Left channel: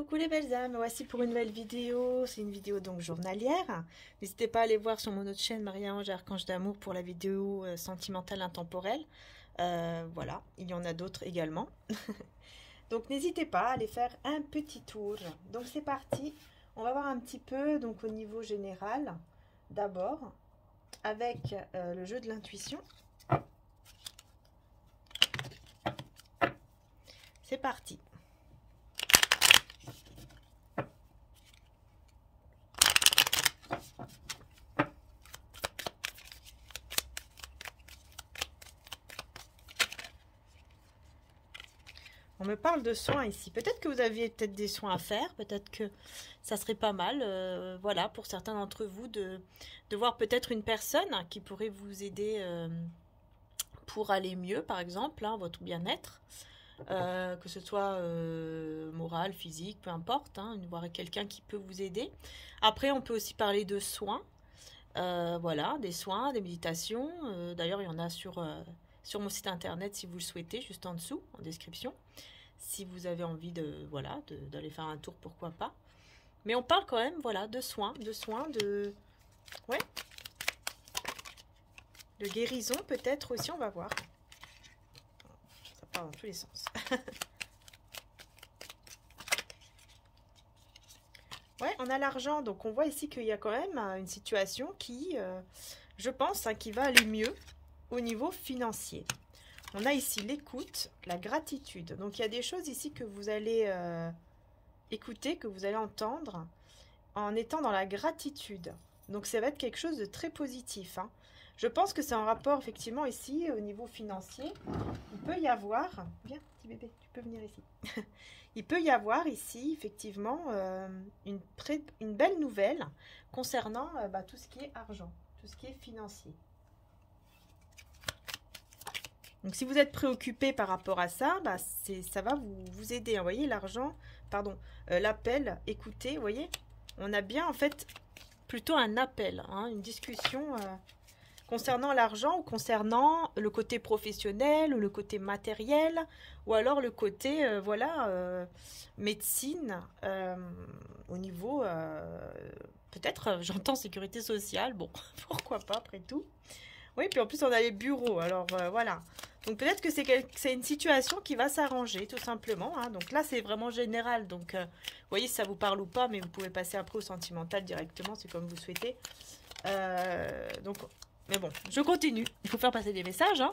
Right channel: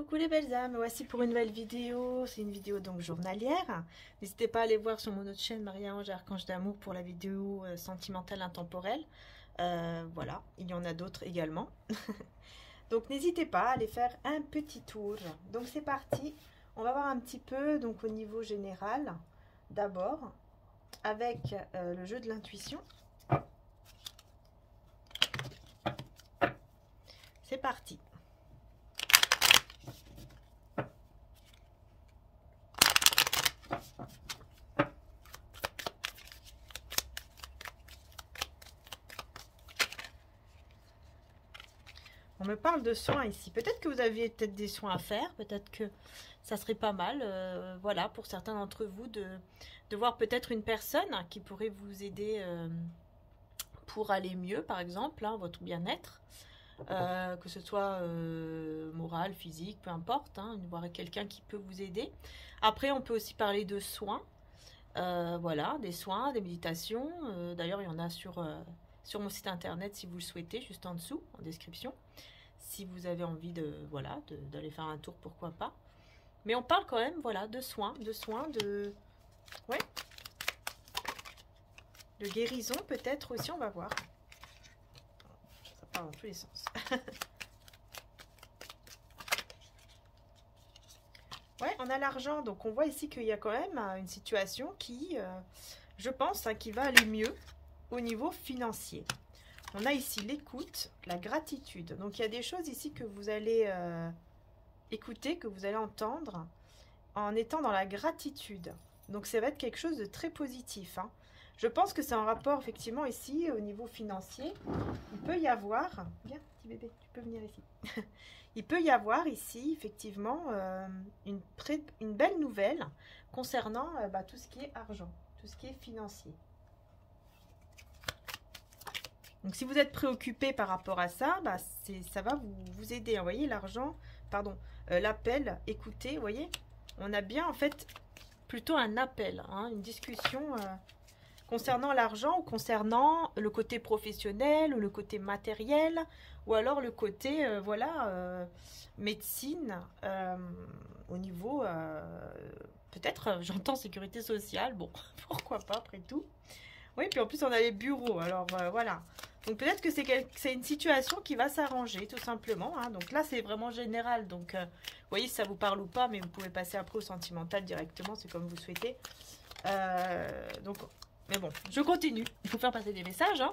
Coucou les belles âmes, voici pour une nouvelle vidéo. C'est une vidéo donc journalière. N'hésitez pas à aller voir sur mon autre chaîne Marie-Ange Archange d'amour pour la vidéo sentimentale intemporelle. Voilà, il y en a d'autres également. Donc n'hésitez pas à aller faire un petit tour. Donc c'est parti, on va voir un petit peu donc au niveau général. D'abord avec le jeu de l'intuition. C'est parti. On me parle de soins ici. Peut-être que vous aviez peut-être des soins à faire. Peut-être que ça serait pas mal, voilà, pour certains d'entre vous, de voir peut-être une personne qui pourrait vous aider pour aller mieux, par exemple, hein, votre bien-être. Que ce soit moral, physique, peu importe. Hein, voir quelqu'un qui peut vous aider. Après, on peut aussi parler de soins. Voilà, des soins, des méditations. D'ailleurs, il y en a sur mon site internet si vous le souhaitez, juste en dessous, en description. Si vous avez envie voilà, d'aller faire un tour, pourquoi pas. Mais on parle quand même, voilà, de soins, ouais, de guérison peut-être aussi, on va voir. Ça part dans tous les sens. Ouais, on a l'argent, donc on voit ici qu'il y a quand même une situation qui, je pense, hein, qui va aller mieux au niveau financier. On a ici l'écoute, la gratitude. Donc, il y a des choses ici que vous allez écouter, que vous allez entendre en étant dans la gratitude. Donc, ça va être quelque chose de très positif. Hein. Je pense que c'est en rapport, effectivement, ici, au niveau financier. Il peut y avoir... Viens, petit bébé, tu peux venir ici. Il peut y avoir ici, effectivement, une belle nouvelle concernant tout ce qui est argent, tout ce qui est financier. Donc, si vous êtes préoccupé par rapport à ça, ça va vous aider. Vous voyez, l'argent, pardon, l'appel, écoutez, vous voyez, on a bien, en fait, plutôt un appel, hein, une discussion concernant l'argent ou concernant le côté professionnel ou le côté matériel ou alors le côté, voilà, médecine au niveau, peut-être, j'entends sécurité sociale, bon, pourquoi pas, après tout. Oui, puis en plus, on a les bureaux, alors voilà. Donc peut-être que c'est une situation qui va s'arranger, tout simplement. Hein. Donc là, c'est vraiment général. Donc, vous voyez, si ça vous parle ou pas, mais vous pouvez passer après au sentimental directement, c'est comme vous souhaitez. Donc, mais bon, je continue. Il faut faire passer des messages. Hein.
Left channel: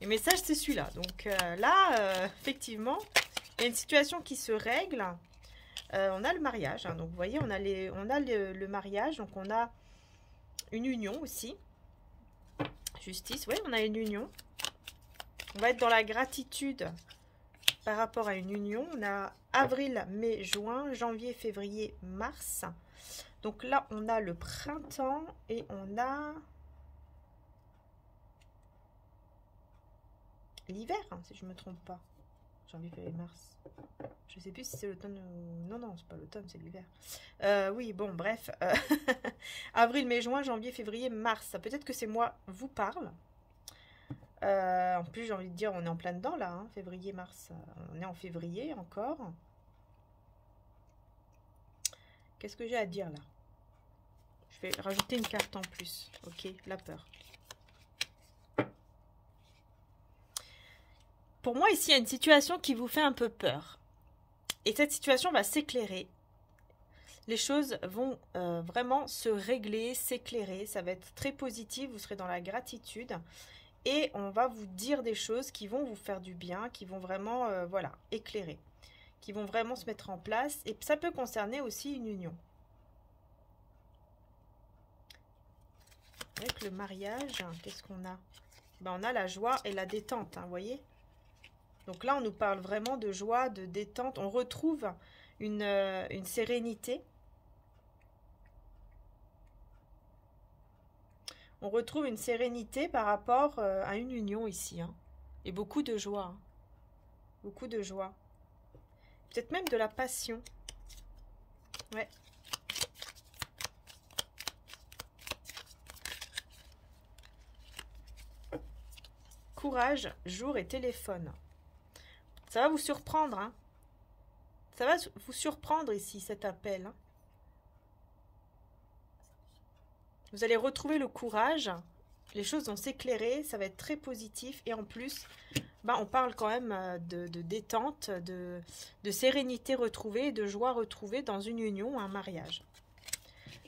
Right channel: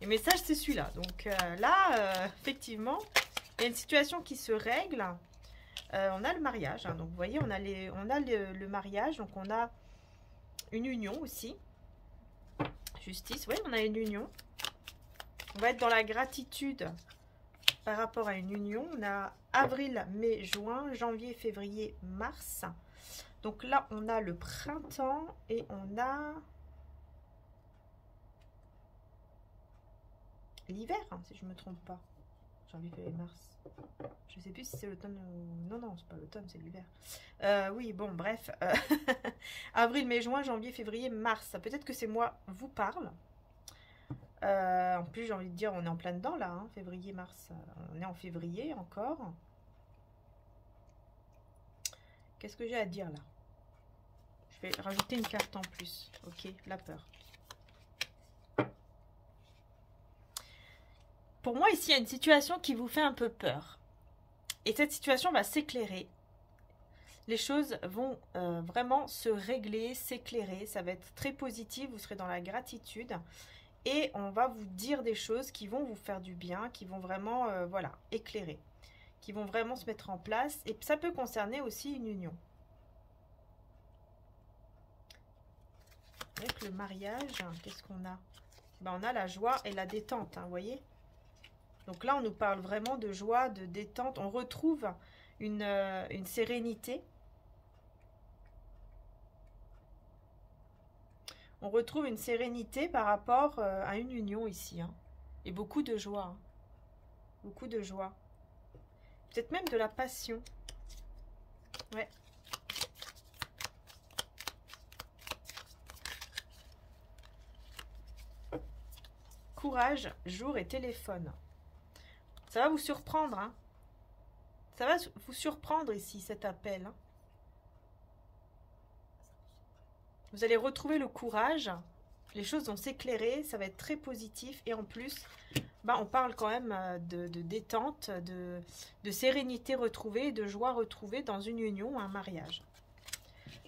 Les messages, c'est celui-là. Donc là, effectivement, il y a une situation qui se règle. On a le mariage. Hein. Donc, vous voyez, on a le mariage. Donc, on a une union aussi. Justice, oui, on a une union. On va être dans la gratitude par rapport à une union. On a avril, mai, juin, janvier, février, mars. Donc là, on a le printemps et on a l'hiver, hein, si je ne me trompe pas. Janvier, février, mars. Je ne sais plus si c'est l'automne ou... Non, non, c'est pas l'automne, c'est l'hiver. Oui, bon, bref. Avril, mai, juin, janvier, février, mars. Peut-être que c'est moi vous parle. En plus, j'ai envie de dire, on est en plein dedans, là. Hein, février, mars. On est en février, encore. Qu'est-ce que j'ai à dire, là? Je vais rajouter une carte en plus. Ok, la peur. Pour moi, ici, il y a une situation qui vous fait un peu peur. Et cette situation va s'éclairer. Les choses vont vraiment se régler, s'éclairer. Ça va être très positif. Vous serez dans la gratitude. Et on va vous dire des choses qui vont vous faire du bien, qui vont vraiment, voilà, éclairer. Qui vont vraiment se mettre en place. Et ça peut concerner aussi une union. Avec le mariage, qu'est-ce qu'on a? On a la joie et la détente, hein, vous voyez? Donc là, on nous parle vraiment de joie, de détente. On retrouve une sérénité. On retrouve une sérénité par rapport à une union ici. Hein. Et beaucoup de joie. Hein. Beaucoup de joie. Peut-être même de la passion. Ouais. Courage, jour et téléphone. Ça va vous surprendre, hein. Ça va vous surprendre ici, cet appel. Hein. Vous allez retrouver le courage. Les choses vont s'éclairer. Ça va être très positif. Et en plus, bah, on parle quand même de détente, de sérénité retrouvée, de joie retrouvée dans une union, un mariage.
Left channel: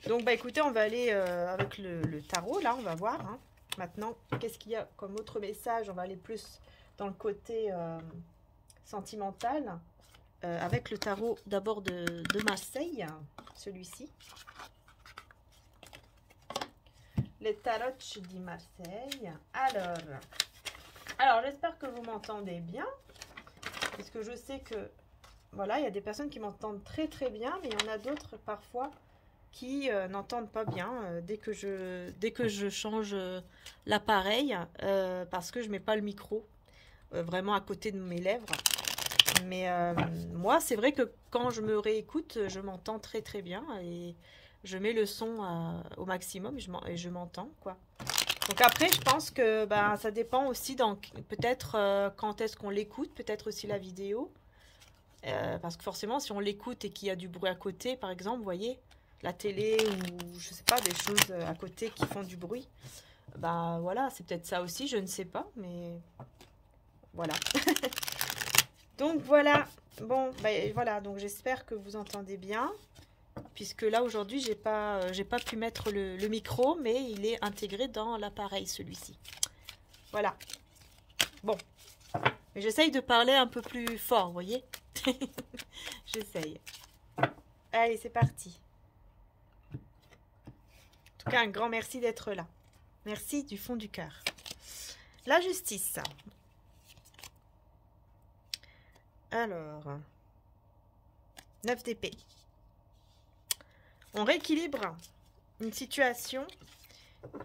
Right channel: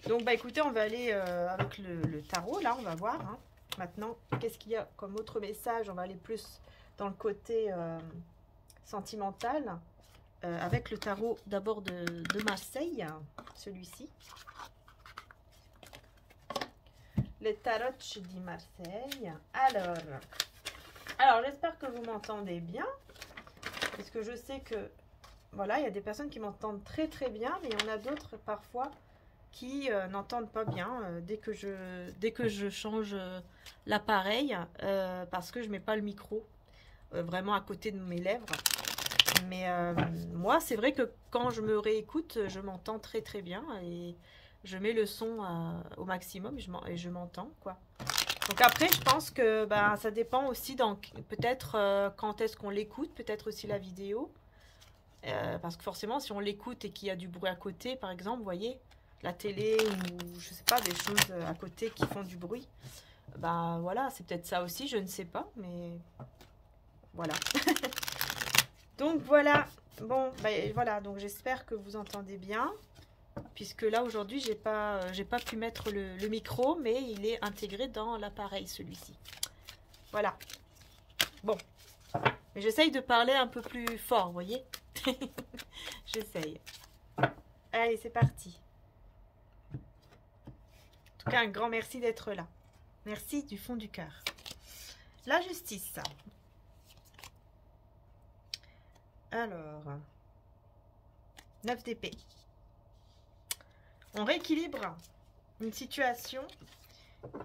Donc, bah, écoutez, on va aller avec le tarot. Là, on va voir. Hein. Maintenant, qu'est-ce qu'il y a comme autre message? On va aller plus dans le côté sentimental. Avec le tarot d'abord de Marseille, celui-ci. Les tarots de Marseille. Alors j'espère que vous m'entendez bien. Parce que je sais que, voilà, il y a des personnes qui m'entendent très très bien. Mais il y en a d'autres parfois qui n'entendent pas bien dès que je change l'appareil. Parce que je ne mets pas le micro vraiment à côté de mes lèvres. Mais moi, c'est vrai que quand je me réécoute, je m'entends très très bien et je mets le son au maximum et je m'entends, quoi. Donc après, je pense que bah, ça dépend aussi peut-être quand est-ce qu'on l'écoute, peut-être aussi la vidéo. Parce que forcément, si on l'écoute et qu'il y a du bruit à côté, par exemple, vous voyez, la télé ou je sais pas, des choses à côté qui font du bruit, bah voilà, c'est peut-être ça aussi, je ne sais pas, mais voilà. Donc voilà, bon, ben, voilà, donc j'espère que vous entendez bien, puisque là aujourd'hui j'ai pas pu mettre le micro, mais il est intégré dans l'appareil celui-ci. Voilà. Bon, mais j'essaye de parler un peu plus fort, vous voyez. J'essaye. Allez, c'est parti. En tout cas, un grand merci d'être là. Merci du fond du cœur. La justice. Alors, 9 d'épée. On rééquilibre une situation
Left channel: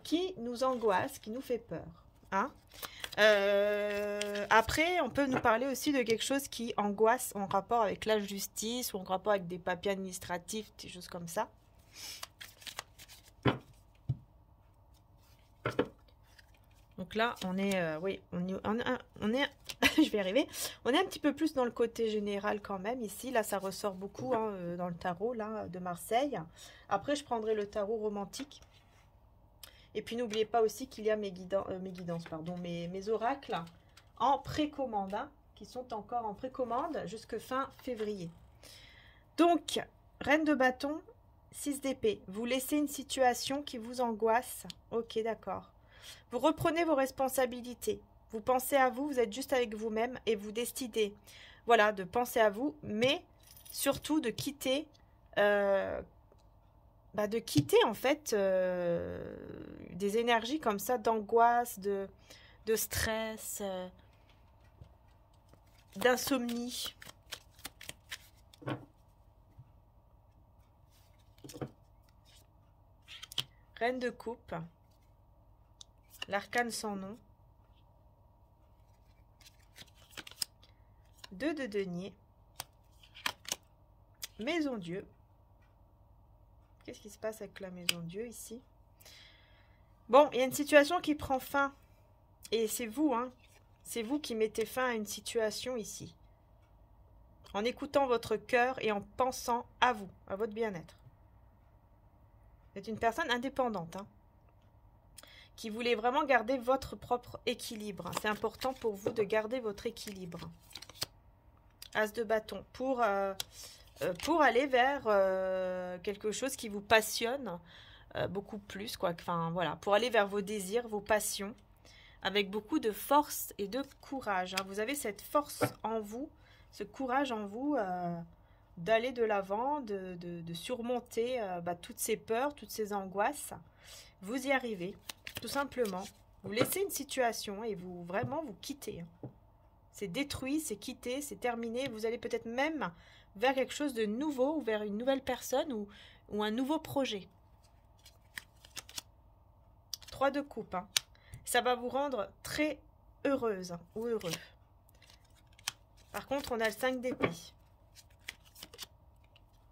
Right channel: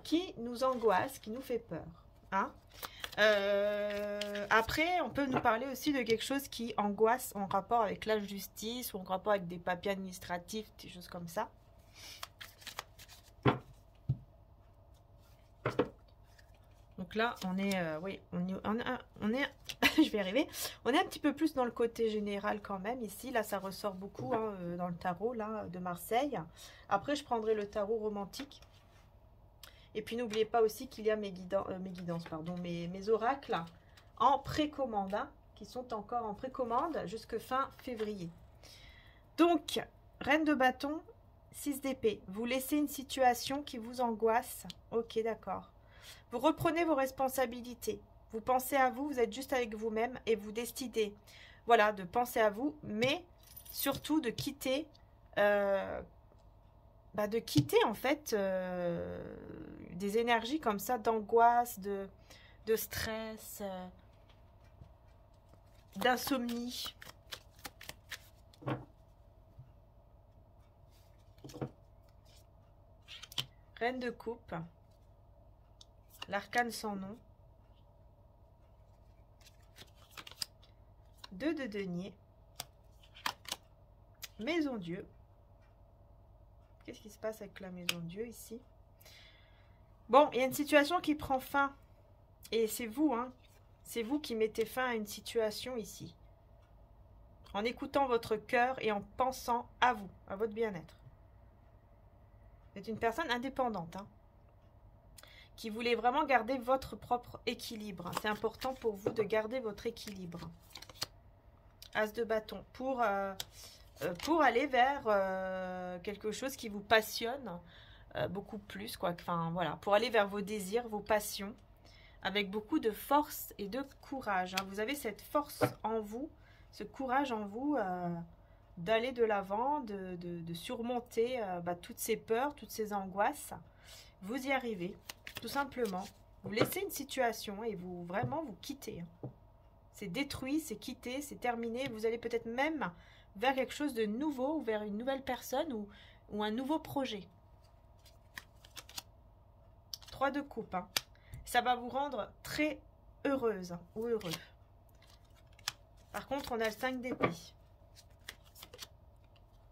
qui nous angoisse, qui nous fait peur. Hein? Après, on peut nous parler aussi de quelque chose qui angoisse en rapport avec la justice ou en rapport avec des papiers administratifs, des choses comme ça. Donc là, on est, oui, on est je vais y arriver. On est un petit peu plus dans le côté général quand même ici. Là, ça ressort beaucoup hein, dans le tarot là, de Marseille. Après, je prendrai le tarot romantique. Et puis, n'oubliez pas aussi qu'il y a mes guidances, pardon, mes oracles en précommande, hein, qui sont encore en précommande jusqu'à fin février. Donc, Reine de bâton, 6 d'épée. Vous laissez une situation qui vous angoisse. Ok, d'accord. Vous reprenez vos responsabilités. Vous pensez à vous, vous êtes juste avec vous-même et vous décidez, voilà, de penser à vous, mais surtout de quitter, en fait des énergies comme ça, d'angoisse, de stress, d'insomnie. Reine de coupe. L'arcane sans nom. 2 de denier. Maison Dieu. Qu'est-ce qui se passe avec la maison Dieu ici? Bon, il y a une situation qui prend fin. Et c'est vous, hein. C'est vous qui mettez fin à une situation ici. En écoutant votre cœur et en pensant à vous, à votre bien-être. Vous êtes une personne indépendante, hein, qui voulait vraiment garder votre propre équilibre. C'est important pour vous de garder votre équilibre. As de bâton. Pour aller vers quelque chose qui vous passionne beaucoup plus, quoi. Enfin, voilà. Pour aller vers vos désirs, vos passions, avec beaucoup de force et de courage. Hein. Vous avez cette force en vous, ce courage en vous d'aller de l'avant, de surmonter toutes ces peurs, toutes ces angoisses. Vous y arrivez, tout simplement. Vous laissez une situation et vous quittez. C'est détruit, c'est quitté, c'est terminé. Vous allez peut-être même vers quelque chose de nouveau, ou vers une nouvelle personne ou un nouveau projet. 3 de coupe. Hein. Ça va vous rendre très heureuse hein, ou heureux. Par contre, on a le 5 d'épée.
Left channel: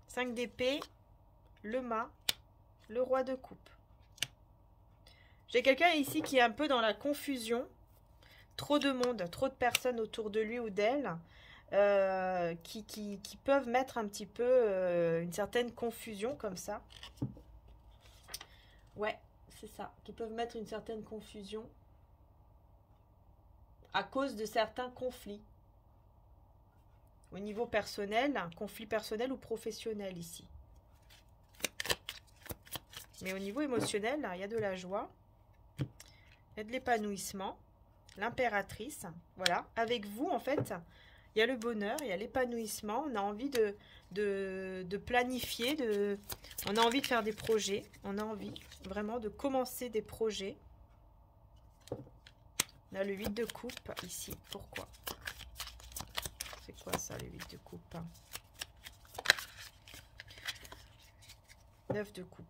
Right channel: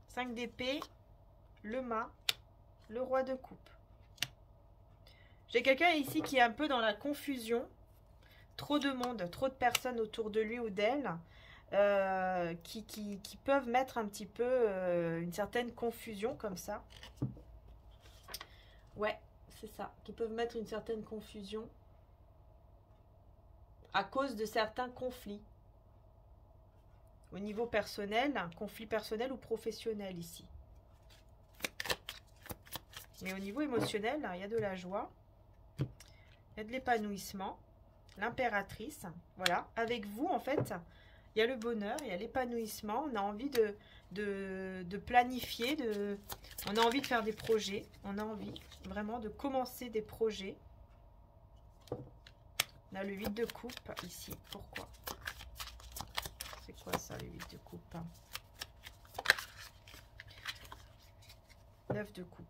5 d'épée, le mât, le roi de coupe. J'ai quelqu'un ici qui est un peu dans la confusion. Trop de monde, trop de personnes autour de lui ou d'elle. qui peuvent mettre un petit peu une certaine confusion comme ça. Ouais, c'est ça. Qui peuvent mettre une certaine confusion à cause de certains conflits. Au niveau personnel, un conflit personnel ou professionnel ici. Mais au niveau émotionnel, là, il y a de la joie. Il y a de l'épanouissement. L'impératrice. Voilà. Avec vous, en fait, il y a le bonheur, il y a l'épanouissement. On a envie de planifier, on a envie de faire des projets. On a envie vraiment de commencer des projets. On a le 8 de coupe ici. Pourquoi? C'est quoi ça, le 8 de coupe? 9 de coupe.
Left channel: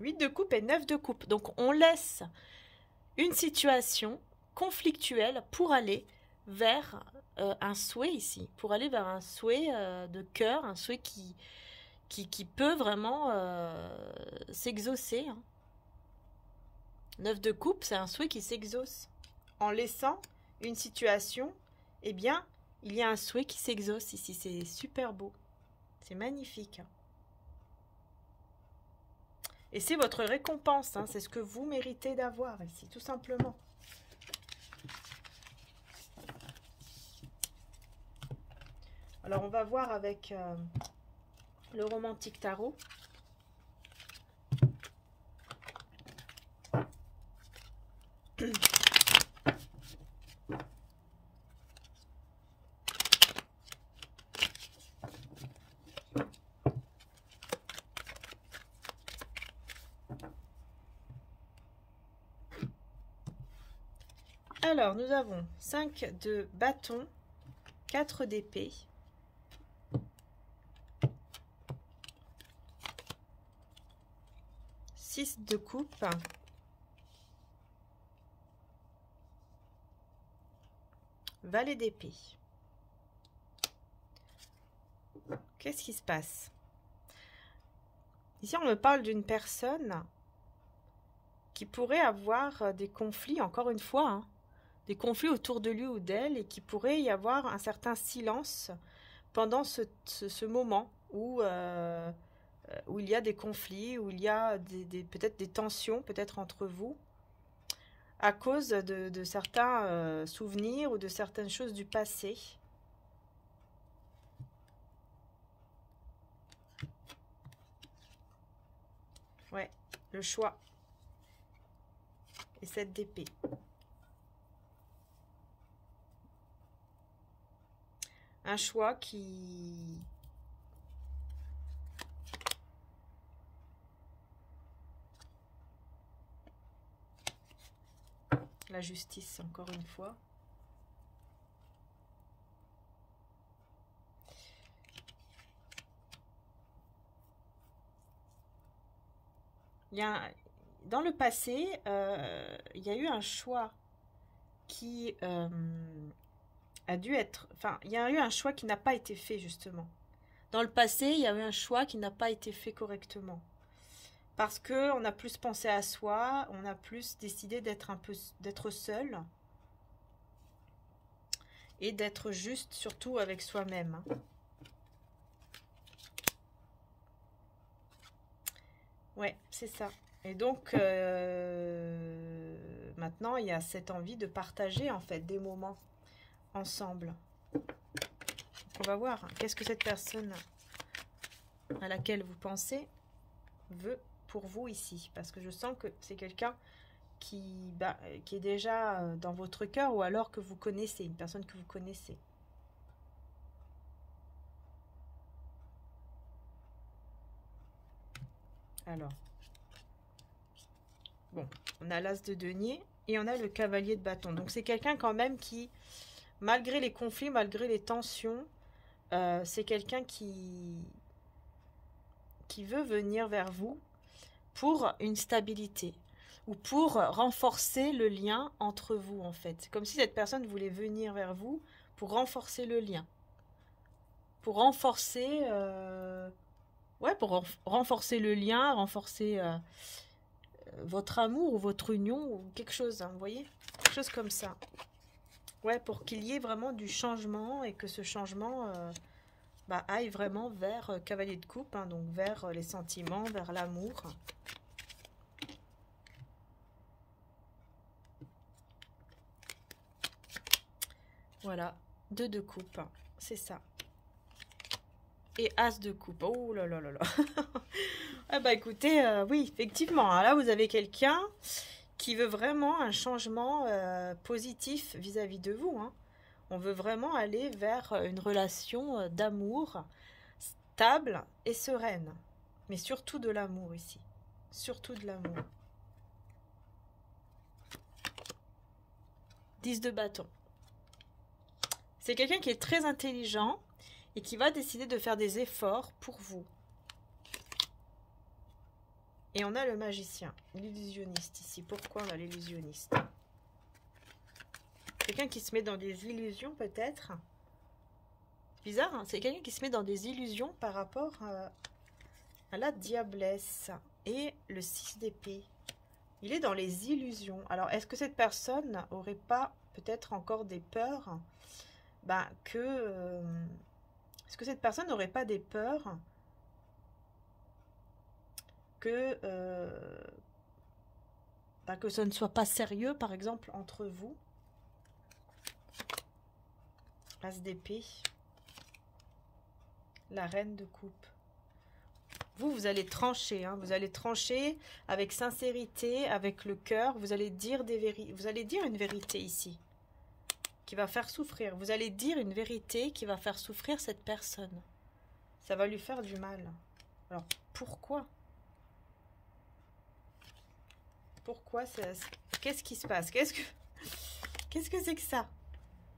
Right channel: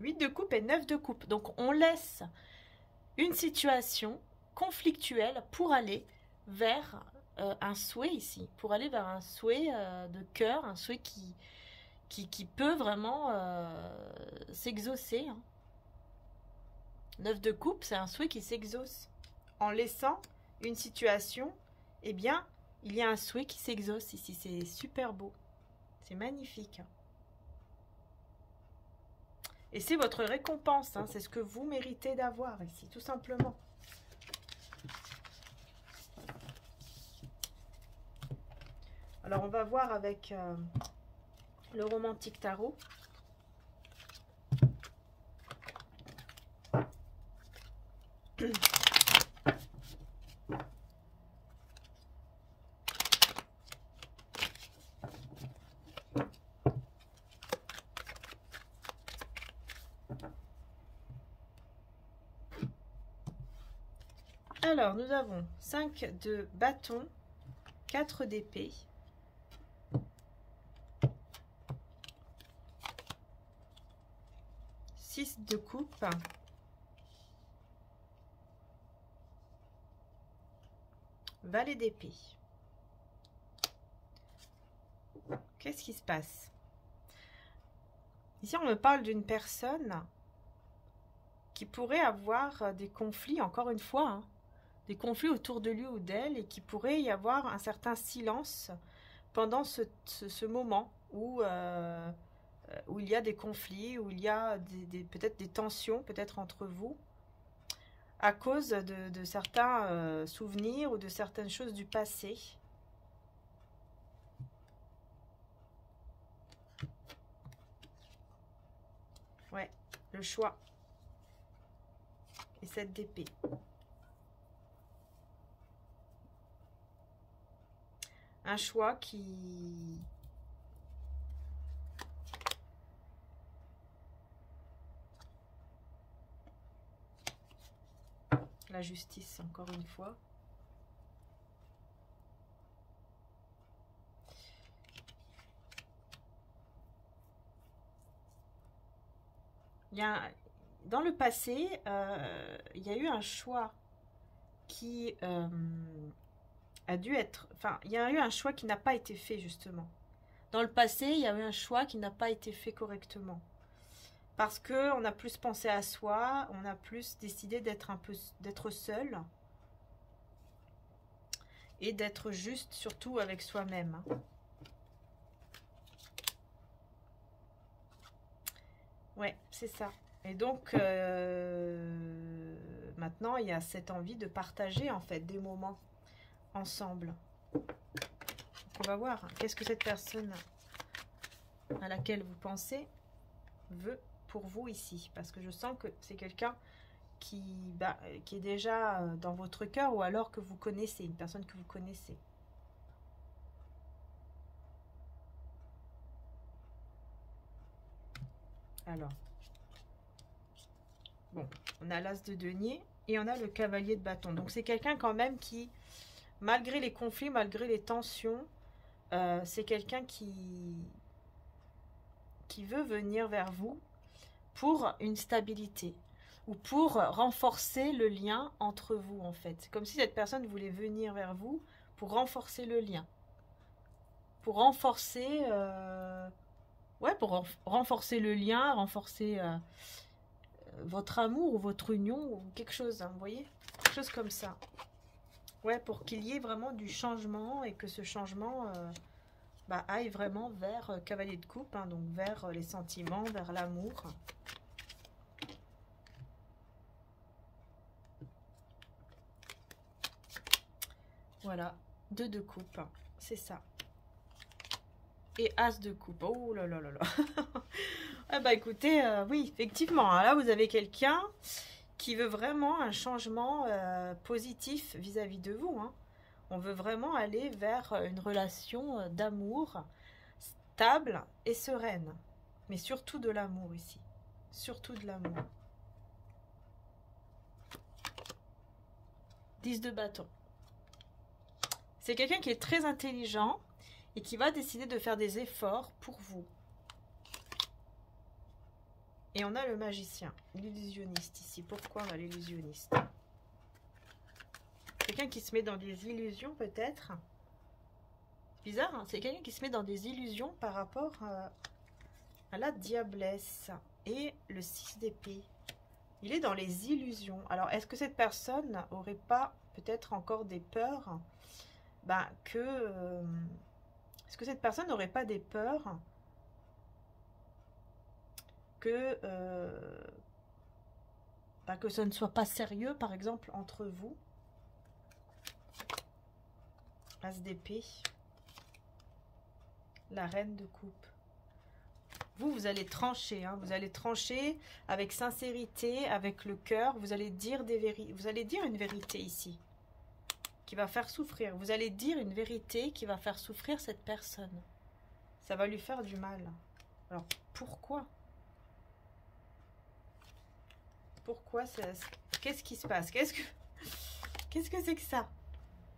8 de coupe et 9 de coupe. Donc, on laisse une situation conflictuelle pour aller vers un souhait ici. Pour aller vers un souhait de cœur, un souhait qui peut vraiment s'exaucer. 9 de coupe, c'est un souhait qui s'exauce. En laissant une situation, eh bien, il y a un souhait qui s'exauce ici. C'est super beau. C'est magnifique. Et c'est votre récompense. Hein. C'est ce que vous méritez d'avoir ici, tout simplement. Alors, on va voir avec le romantique tarot. Alors, nous avons 5 de bâton, 4 d'épée, 6 de coupe, valet d'épée. Qu'est-ce qui se passe? Ici, on me parle d'une personne qui pourrait avoir des conflits, encore une fois, hein, des conflits autour de lui ou d'elle, et qui pourrait y avoir un certain silence pendant ce moment où il y a des conflits, où il y a peut-être des tensions, peut-être entre vous, à cause de certains souvenirs ou de certaines choses du passé. Ouais, le choix. Et 7 d'épée. Un choix qui... La justice, encore une fois. Dans le passé, il y a eu un choix qui a dû être... Enfin, il y a eu un choix qui n'a pas été fait, justement. Dans le passé, il y a eu un choix qui n'a pas été fait correctement. Parce qu'on a plus pensé à soi, on a plus décidé d'être seul. Et d'être juste, surtout avec soi-même. Ouais, c'est ça. Et donc, maintenant, il y a cette envie de partager, en fait, des moments ensemble. Donc, on va voir, qu'est-ce que cette personne à laquelle vous pensez veut pour vous ici. Parce que je sens que c'est quelqu'un qui est déjà dans votre cœur, ou alors que vous connaissez, une personne que vous connaissez. Alors, bon, on a l'as de denier et on a le cavalier de bâton. Donc, c'est quelqu'un quand même qui, malgré les conflits, malgré les tensions, c'est quelqu'un qui veut venir vers vous pour une stabilité ou pour renforcer le lien entre vous, en fait. Comme si cette personne voulait venir vers vous pour renforcer le lien. Pour renforcer... ouais, pour renforcer le lien, renforcer votre amour ou votre union ou quelque chose, hein, vous voyez? Quelque chose comme ça. Ouais, pour qu'il y ait vraiment du changement et que ce changement aille vraiment vers cavalier de coupe, hein, donc vers les sentiments, vers l'amour. Voilà, 2 de coupe, c'est ça. Et as de coupe, oh là là là là. Ah bah écoutez, oui, effectivement, hein, là vous avez quelqu'un qui veut vraiment un changement positif vis-à-vis de vous, hein. On veut vraiment aller vers une relation d'amour stable et sereine. Mais surtout de l'amour ici. Surtout de l'amour. 10 de bâton. C'est quelqu'un qui est très intelligent et qui va décider de faire des efforts pour vous. Et on a le magicien, l'illusionniste ici. Pourquoi on a l'illusionniste? Quelqu'un qui se met dans des illusions peut-être. Bizarre, hein, c'est quelqu'un qui se met dans des illusions par rapport à la diablesse et le 6 d'épée. Il est dans les illusions. Alors, est-ce que cette personne n'aurait pas peut-être encore des peurs est-ce que cette personne n'aurait pas des peurs que ce ne soit pas sérieux, par exemple, entre vous? As d'épée. La reine de coupe. Vous allez trancher, hein, vous allez trancher avec sincérité, avec le cœur. Vous allez dire des vérités. Vous allez dire une vérité ici qui va faire souffrir. Vous allez dire une vérité qui va faire souffrir cette personne. Ça va lui faire du mal. Alors, pourquoi? Pourquoi? Qu'est-ce qui se passe? Qu'est-ce que c'est que ça?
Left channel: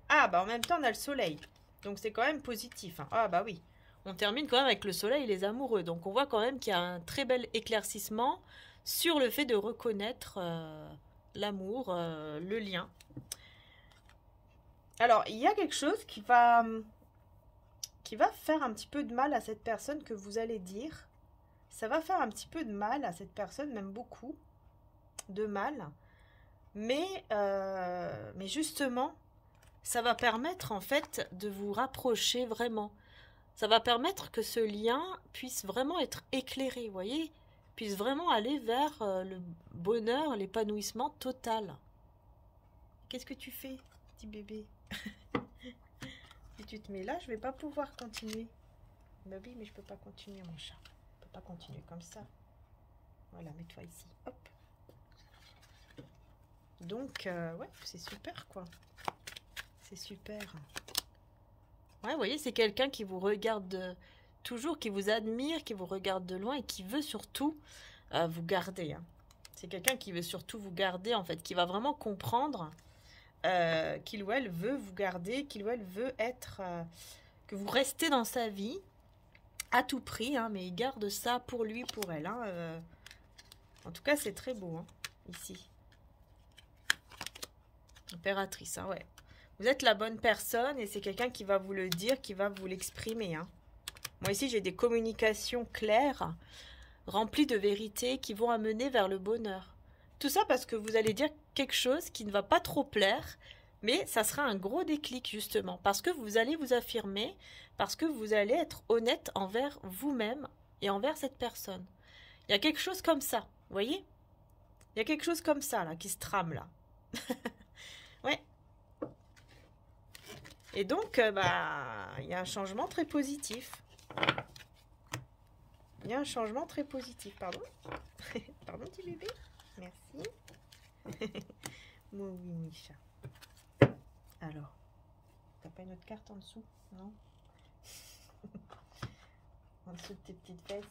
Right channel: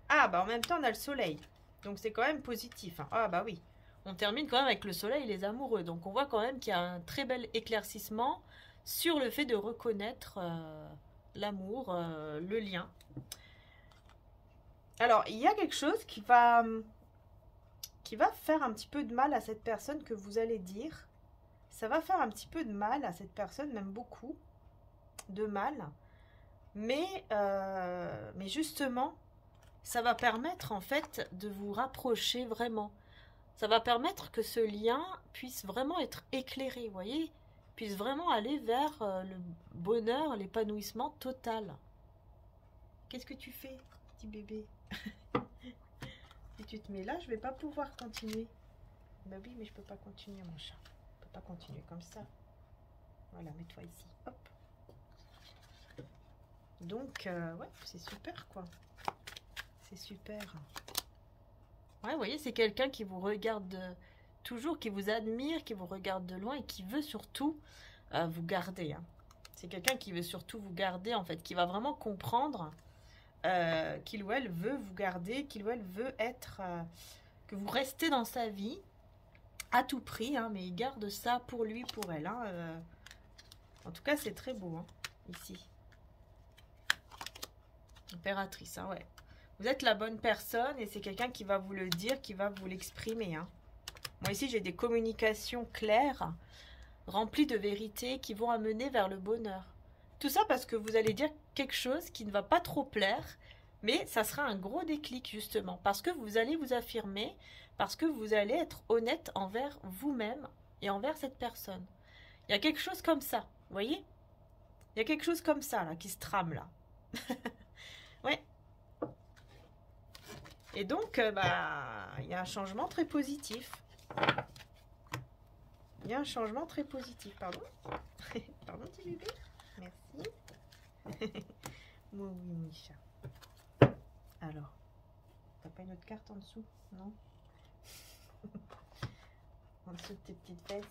Ah, bah en même temps, on a le soleil. Donc, c'est quand même positif, hein. Ah, bah oui. On termine quand même avec le soleil et les amoureux. Donc, on voit quand même qu'il y a un très bel éclaircissement sur le fait de reconnaître l'amour, le lien. Alors, il y a quelque chose qui va faire un petit peu de mal à cette personne que vous allez dire. Ça va faire un petit peu de mal à cette personne, même beaucoup de mal. Mais justement, ça va permettre en fait de vous rapprocher vraiment. Ça va permettre que ce lien puisse vraiment être éclairé, vous voyez, puisse vraiment aller vers le bonheur, l'épanouissement total. Qu'est-ce que tu fais, petit bébé? Si tu te mets là, je vais pas pouvoir continuer. Bah oui, mais je peux pas continuer, mon chat. Je peux pas continuer comme ça. Voilà, mets-toi ici. Hop. Donc, ouais, c'est super, quoi. C'est super. Ouais, vous voyez, c'est quelqu'un qui vous regarde toujours, qui vous admire, qui vous regarde de loin et qui veut surtout vous garder, hein. C'est quelqu'un qui veut surtout vous garder, en fait, qui va vraiment comprendre qu'il ou elle veut vous garder, qu'il ou elle veut être, que vous restez dans sa vie à tout prix, hein, mais il garde ça pour lui, pour elle, hein. En tout cas, c'est très beau, hein, ici. Impératrice, hein, ouais. Vous êtes la bonne personne et c'est quelqu'un qui va vous le dire, qui va vous l'exprimer, hein. Moi ici, j'ai des communications claires, remplies de vérités qui vont amener vers le bonheur. Tout ça parce que vous allez dire quelque chose qui ne va pas trop plaire, mais ça sera un gros déclic justement, parce que vous allez vous affirmer, parce que vous allez être honnête envers vous-même et envers cette personne. Il y a quelque chose comme ça, vous voyez? Il y a quelque chose comme ça là, qui se trame là. Ouais. Et donc, il y a un changement très positif. Il y a un changement très positif, pardon. Pardon, petit bébé. Merci. Oui, Micha. Alors, t'as pas une autre carte en dessous? Non? En dessous de tes petites fesses.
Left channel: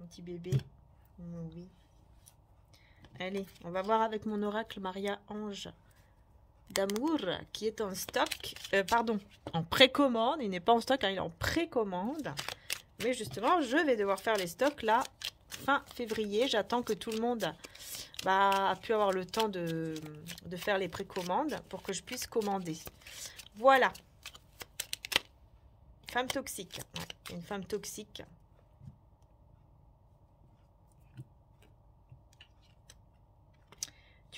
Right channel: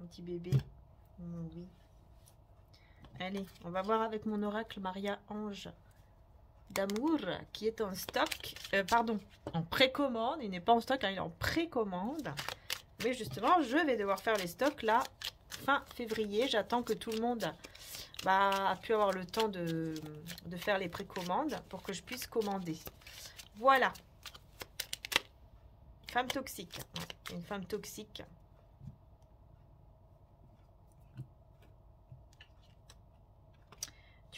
Mon petit bébé. Oui. Allez, on va voir avec mon oracle Maria Ange d'amour qui est en stock, en précommande. Il n'est pas en stock, hein, il est en précommande. Mais justement, je vais devoir faire les stocks là, fin février. J'attends que tout le monde a pu avoir le temps de faire les précommandes pour que je puisse commander. Voilà. Femme toxique. Une femme toxique.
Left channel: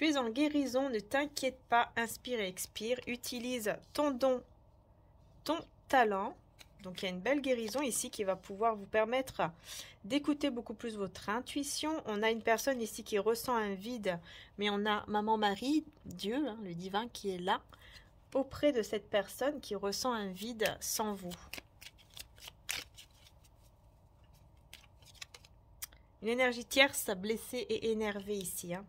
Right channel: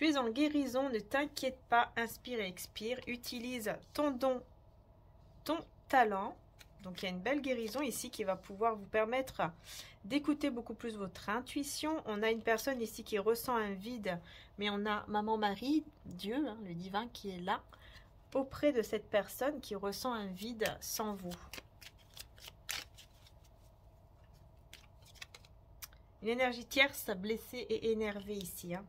Tu es en guérison, ne t'inquiète pas, inspire et expire. Utilise ton don, ton talent. Donc il y a une belle guérison ici qui va pouvoir vous permettre d'écouter beaucoup plus votre intuition. On a une personne ici qui ressent un vide, mais on a Maman Marie, Dieu, hein, le divin qui est là, auprès de cette personne qui ressent un vide sans vous. Une énergie tierce, blessée et énervée ici, hein,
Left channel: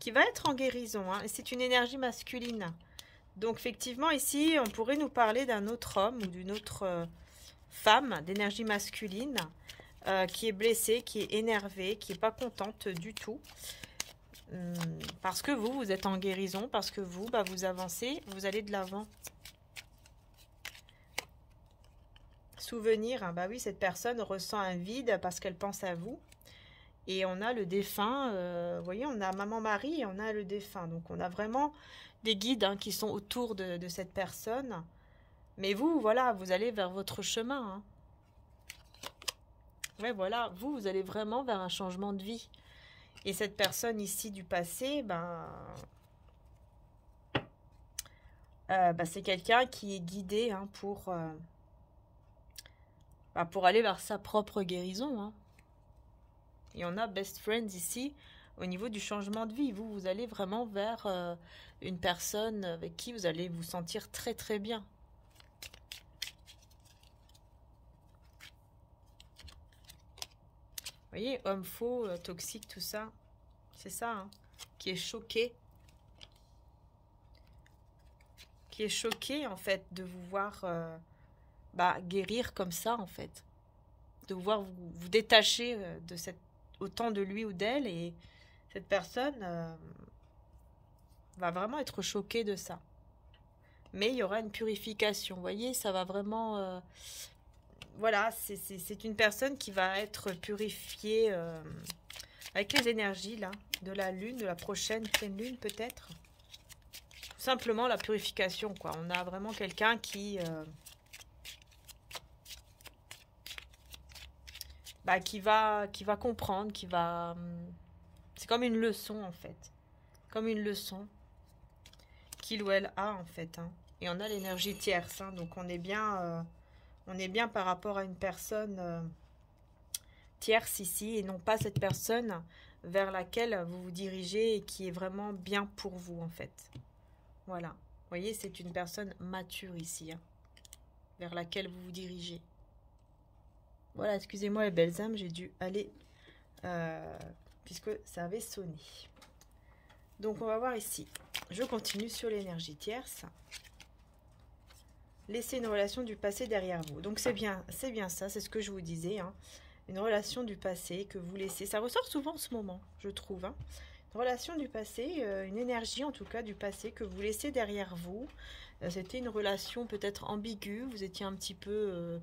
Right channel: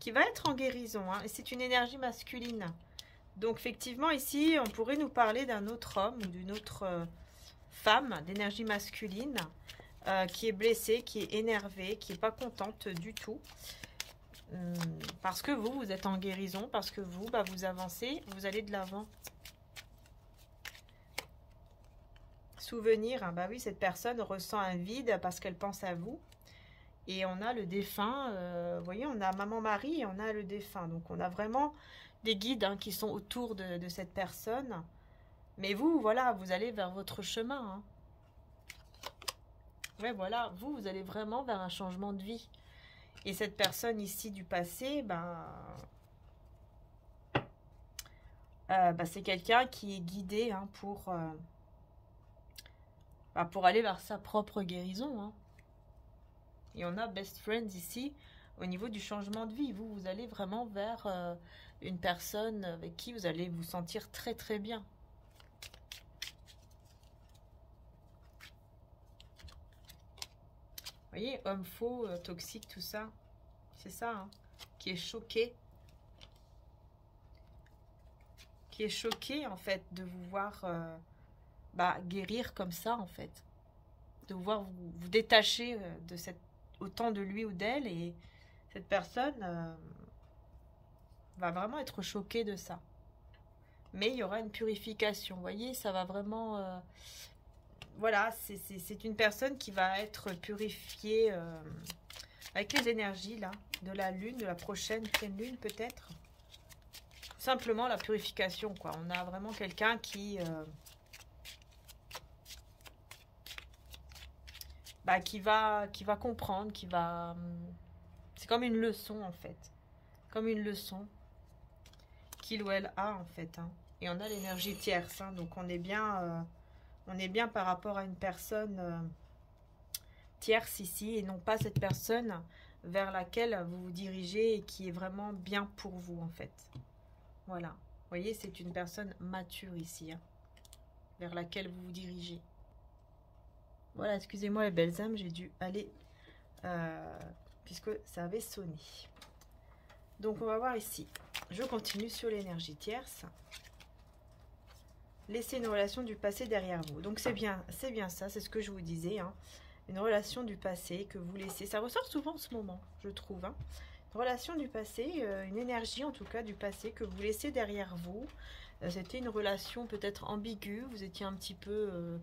qui va être en guérison, hein, et c'est une énergie masculine. Donc effectivement ici, on pourrait nous parler d'un autre homme ou d'une autre femme d'énergie masculine qui est blessée, qui est énervée, qui n'est pas contente du tout. Parce que vous êtes en guérison, parce que vous, vous avancez, vous allez de l'avant. Souvenir, bah oui, cette personne ressent un vide parce qu'elle pense à vous. Et on a le défunt, vous voyez, on a Maman Marie et on a le défunt. Donc on a vraiment des guides hein, qui sont autour de cette personne. Mais vous, voilà, vous allez vers votre chemin. Hein. Ouais, voilà, vous allez vraiment vers un changement de vie. Et cette personne ici du passé, c'est quelqu'un qui est guidé hein, pour aller vers sa propre guérison. Hein. Et on a Best Friends ici, au niveau du changement de vie. Vous allez vraiment vers une personne avec qui vous allez vous sentir très très bien. Vous voyez, homme faux, toxique, tout ça. C'est ça, hein, qui est choqué. Qui est choqué, en fait, de vous voir guérir comme ça, en fait. De vous voir vous détacher de cette autant de lui ou d'elle, et cette personne va vraiment être choquée de ça. Mais il y aura une purification, vous voyez, ça va vraiment... voilà, c'est une personne qui va être purifiée avec les énergies, là, de la lune, de la prochaine pleine lune, peut-être. Simplement la purification, quoi. On a vraiment quelqu'un qui va comprendre, qui va... C'est comme une leçon, en fait. Comme une leçon qu'il ou elle a, en fait. Hein. Et on a l'énergie tierce. Hein. Donc, on est bien par rapport à une personne tierce ici. Et non pas cette personne vers laquelle vous vous dirigez et qui est vraiment bien pour vous, en fait. Voilà. Vous voyez, c'est une personne mature ici. Hein, vers laquelle vous vous dirigez. Voilà, excusez-moi les belles âmes, j'ai dû aller, puisque ça avait sonné. Donc, on va voir ici. Je continue sur l'énergie tierce. Laissez une relation du passé derrière vous. Donc, c'est bien ça, c'est ce que je vous disais. Hein. Une relation du passé que vous laissez. Ça ressort souvent en ce moment, je trouve. Hein. Une relation du passé, une énergie en tout cas du passé que vous laissez derrière vous. C'était une relation peut-être ambiguë. Vous étiez un petit peu...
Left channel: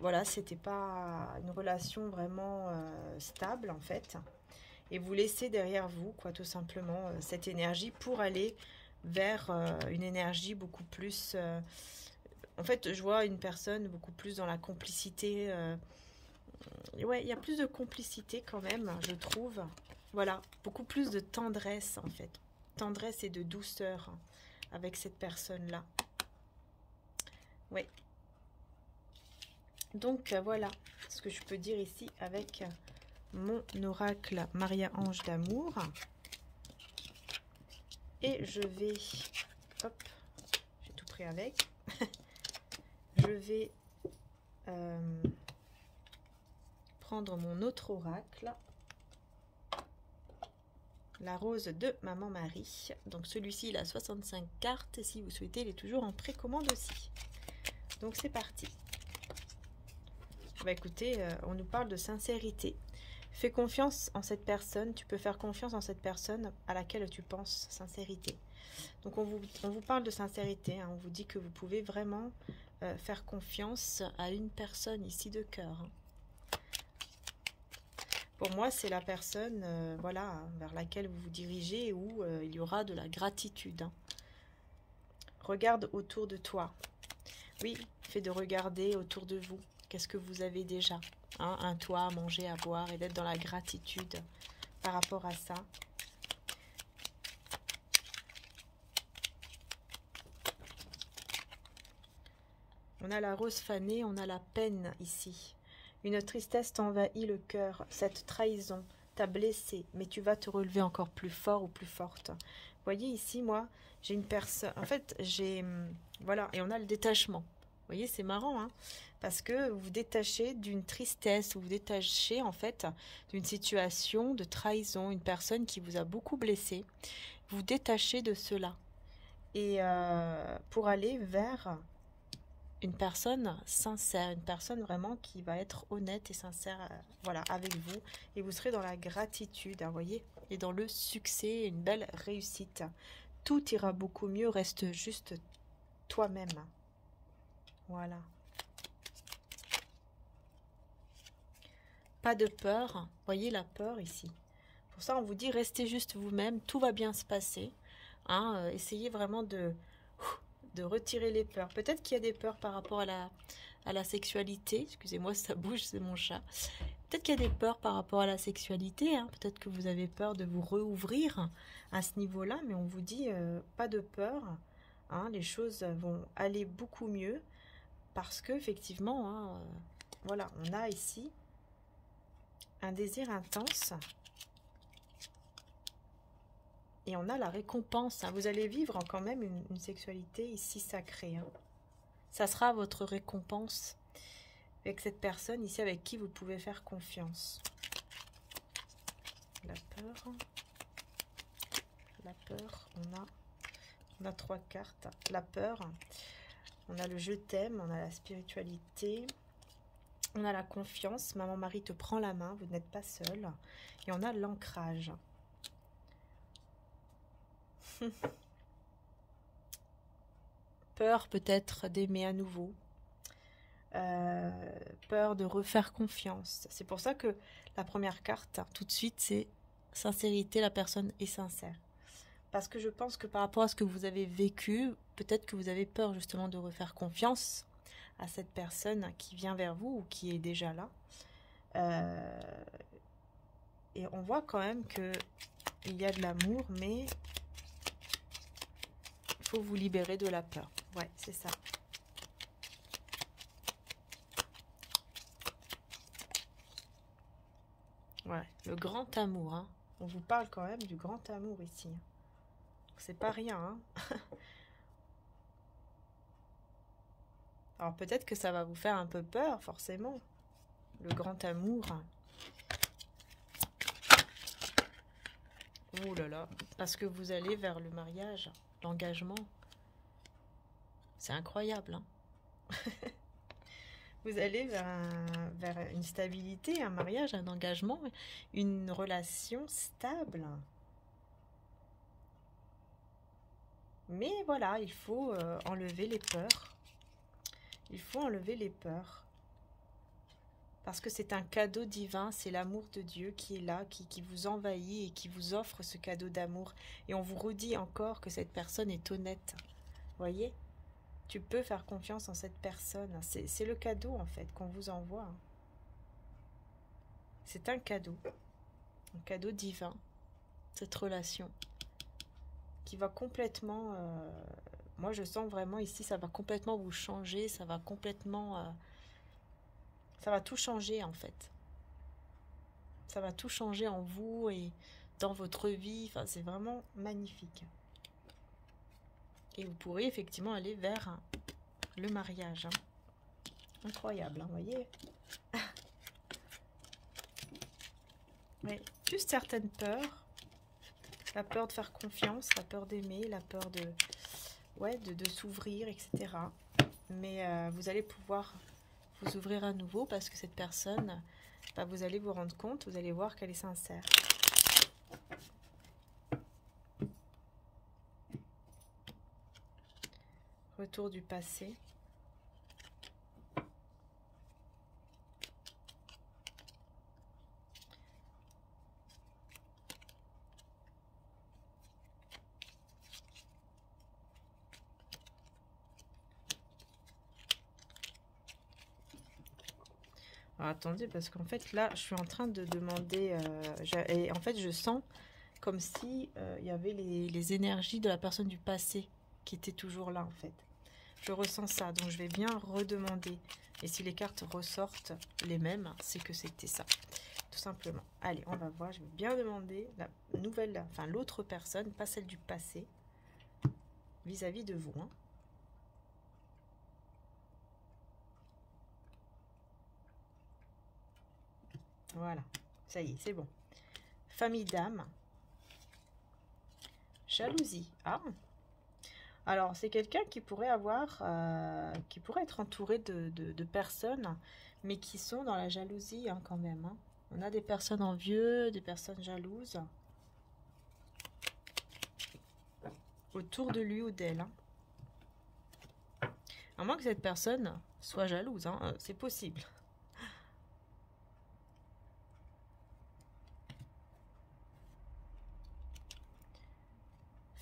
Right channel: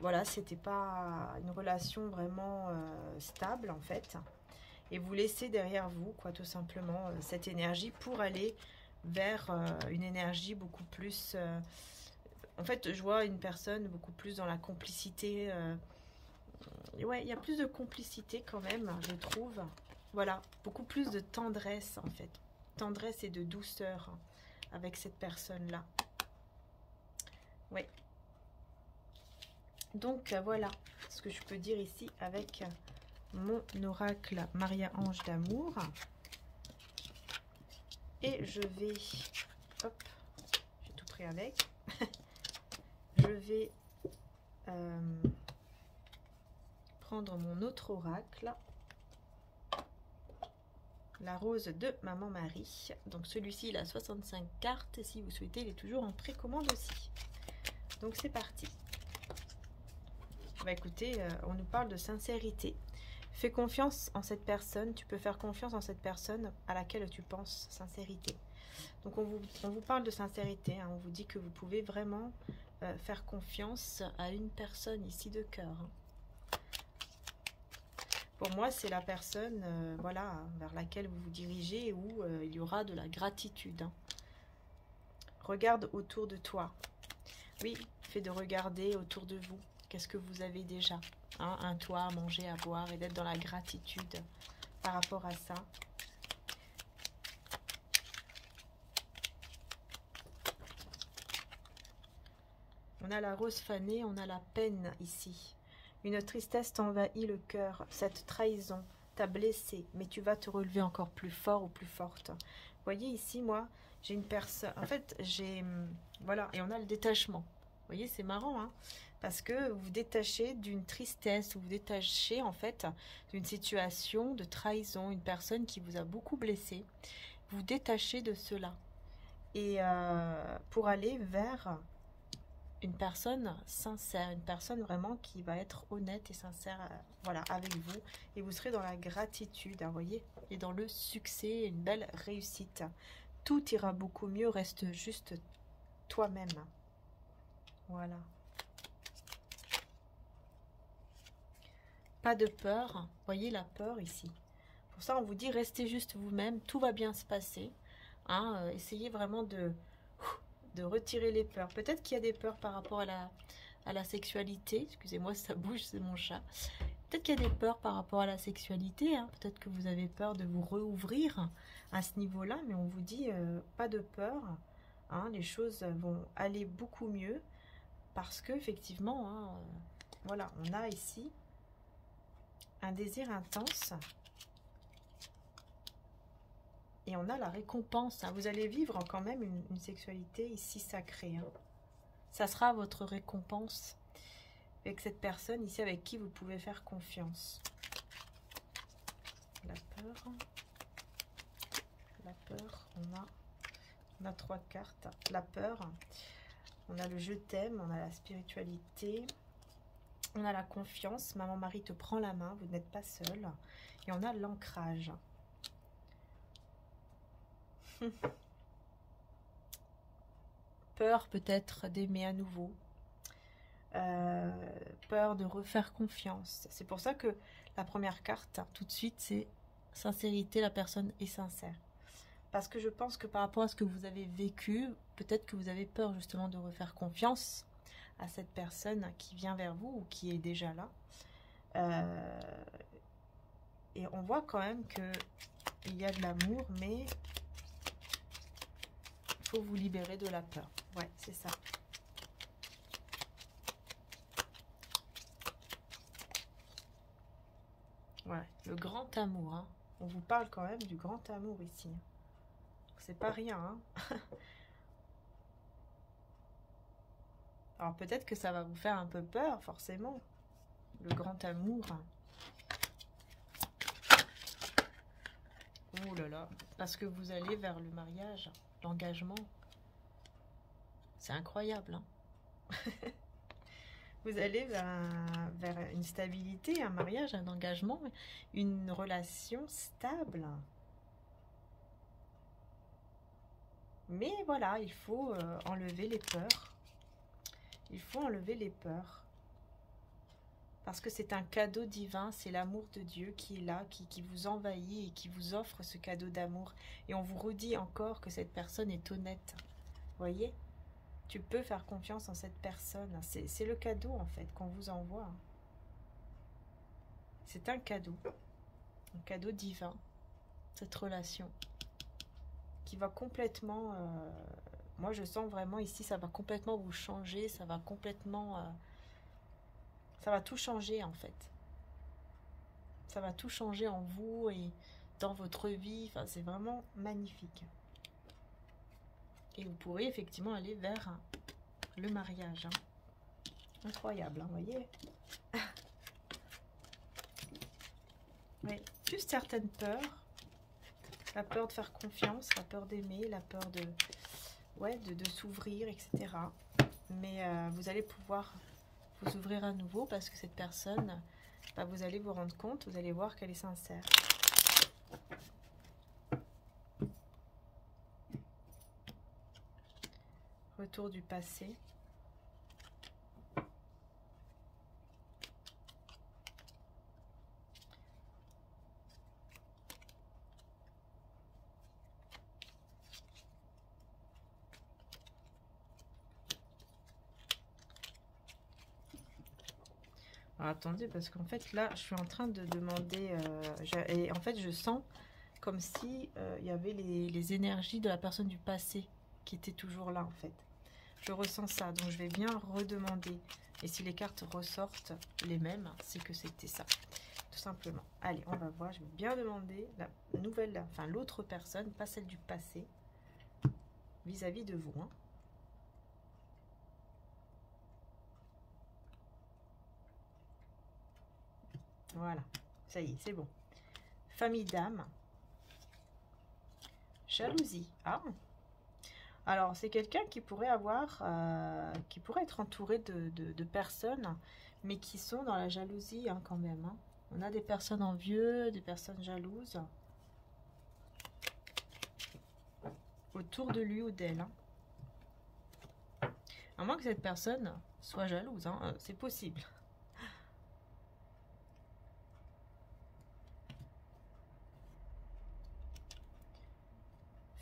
voilà, c'était pas une relation vraiment stable en fait. Et vous laissez derrière vous, quoi, tout simplement, cette énergie pour aller vers une énergie beaucoup plus... en fait, je vois une personne beaucoup plus dans la complicité. Ouais, il y a plus de complicité quand même, je trouve. Voilà, beaucoup plus de tendresse en fait. Tendresse et de douceur hein, avec cette personne-là. Ouais. Donc voilà ce que je peux dire ici avec mon oracle Maria Ange d'amour. Et je vais, hop, j'ai tout pris avec. Je vais prendre mon autre oracle, la rose de Maman Marie. Donc celui-ci il a 65 cartes. Si vous souhaitez, il est toujours en précommande aussi. Donc c'est parti. Bah écoutez, on nous parle de sincérité. Fais confiance en cette personne. Tu peux faire confiance en cette personne à laquelle tu penses. Sincérité. Donc on vous parle de sincérité. Hein. On vous dit que vous pouvez vraiment faire confiance à une personne ici de cœur. Hein. Pour moi, c'est la personne voilà, vers laquelle vous vous dirigez où il y aura de la gratitude. Hein. Regarde autour de toi. Oui, fait de regarder autour de vous. Qu'est-ce que vous avez déjà hein, un toit, à manger, à boire et d'être dans la gratitude par rapport à ça. On a la rose fanée, on a la peine ici. Une tristesse t'envahit le cœur, cette trahison t'a blessé, mais tu vas te relever encore plus fort ou plus forte. Vous voyez ici, moi, j'ai une personne... En fait, j'ai... Voilà, et on a le détachement. Vous voyez, c'est marrant, hein, parce que vous vous détachez d'une tristesse, vous vous détachez, en fait, d'une situation de trahison, une personne qui vous a beaucoup blessé. Vous vous détachez de cela. Et pour aller vers une personne sincère, une personne vraiment qui va être honnête et sincère, voilà, avec vous, et vous serez dans la gratitude, hein, voyez, et dans le succès, une belle réussite. Tout ira beaucoup mieux, reste juste toi-même. Voilà. Pas de peur, voyez la peur ici. Pour ça, on vous dit, restez juste vous-même, tout va bien se passer. Hein, essayez vraiment de retirer les peurs. Peut-être qu'il y a des peurs par rapport à la sexualité. Excusez-moi, ça bouge, c'est mon chat. Peut-être qu'il y a des peurs par rapport à la sexualité. Hein. Peut-être que vous avez peur de vous rouvrir à ce niveau-là. Mais on vous dit, pas de peur. Hein, les choses vont aller beaucoup mieux. Parce que effectivement, hein, voilà, on a ici un désir intense. Et on a la récompense. Hein. Vous allez vivre quand même une sexualité ici sacrée. Hein. Ça sera votre récompense avec cette personne ici avec qui vous pouvez faire confiance. La peur. La peur. On a 3 cartes. La peur. On a le je t'aime. On a la spiritualité. On a la confiance. Maman Marie te prend la main. Vous n'êtes pas seul. Et on a l'ancrage. Peur peut-être d'aimer à nouveau, peur de refaire confiance. C'est pour ça que la première carte, tout de suite, c'est sincérité, la personne est sincère. Parce que je pense que par rapport à ce que vous avez vécu, peut-être que vous avez peur justement de refaire confiance à cette personne qui vient vers vous ou qui est déjà là. Et on voit quand même qu'il y a de l'amour, mais vous libérer de la peur. Ouais, c'est ça. Ouais, le grand amour. Hein. On vous parle quand même du grand amour ici. C'est pas rien. Hein. Alors peut-être que ça va vous faire un peu peur, forcément. Le grand amour. Oh là là. Parce que vous allez vers le mariage. L'engagement, c'est incroyable. Hein. Vous allez vers une stabilité, un mariage, un engagement, une relation stable. Mais voilà, il faut enlever les peurs. Il faut enlever les peurs. Parce que c'est un cadeau divin, c'est l'amour de Dieu qui est là, qui vous envahit et qui vous offre ce cadeau d'amour. Et on vous redit encore que cette personne est honnête. Voyez, tu peux faire confiance en cette personne. C'est le cadeau en fait qu'on vous envoie. C'est un cadeau divin, cette relation qui va complètement... moi je sens vraiment ici, ça va complètement vous changer, ça va complètement... ça va tout changer en fait. Ça va tout changer en vous et dans votre vie. Enfin, c'est vraiment magnifique. Et vous pourrez effectivement aller vers le mariage. Hein. Incroyable, hein, vous voyez. Mais juste certaines peurs. La peur de faire confiance, la peur d'aimer, la peur de s'ouvrir, etc. Mais vous allez pouvoir vous ouvrir à nouveau parce que cette personne, bah, vous allez vous rendre compte, vous allez voir qu'elle est sincère. Retour du passé. Alors, attendez, parce qu'en fait, là, je suis en train de demander... et en fait, je sens comme si il y avait les énergies de la personne du passé qui étaient toujours là, en fait. Je ressens ça, donc je vais bien redemander. Et si les cartes ressortent les mêmes, c'est que c'était ça, tout simplement. Allez, on va voir. Je vais bien demander la nouvelle, enfin l'autre personne, pas celle du passé, vis-à-vis de vous. Hein. Voilà, ça y est, c'est bon. Famille d'âme. Jalousie. Ah. Alors, c'est quelqu'un qui pourrait avoir, qui pourrait être entouré de personnes, mais qui sont dans la jalousie hein, quand même. Hein. On a des personnes envieuses, des personnes jalouses autour de lui ou d'elle. Hein. À moins que cette personne soit jalouse, hein, c'est possible.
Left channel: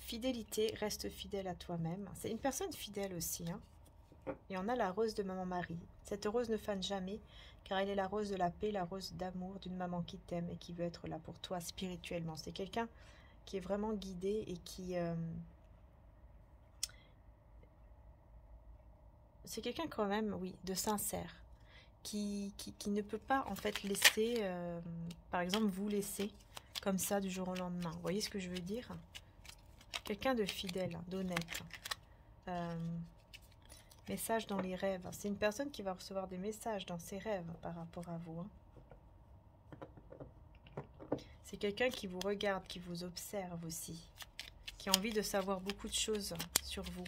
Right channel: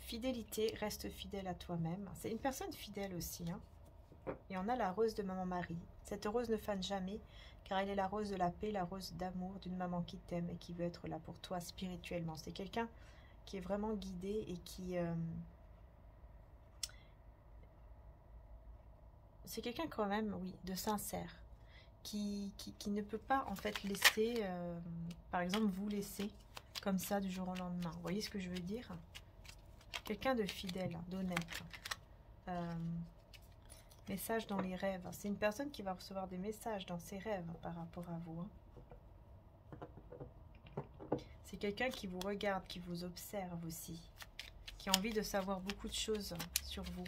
Fidélité, reste fidèle à toi-même. C'est une personne fidèle aussi. Hein. Et on a la rose de maman Marie. Cette rose ne fane jamais, car elle est la rose de la paix, la rose d'amour d'une maman qui t'aime et qui veut être là pour toi spirituellement. C'est quelqu'un qui est vraiment guidé et qui... c'est quelqu'un quand même, oui, de sincère. Qui ne peut pas en fait laisser, par exemple, vous laisser comme ça du jour au lendemain. Vous voyez ce que je veux dire? Quelqu'un de fidèle, d'honnête. Message dans les rêves. C'est une personne qui va recevoir des messages dans ses rêves par rapport à vous. Hein. C'est quelqu'un qui vous regarde, qui vous observe aussi. Qui a envie de savoir beaucoup de choses sur vous.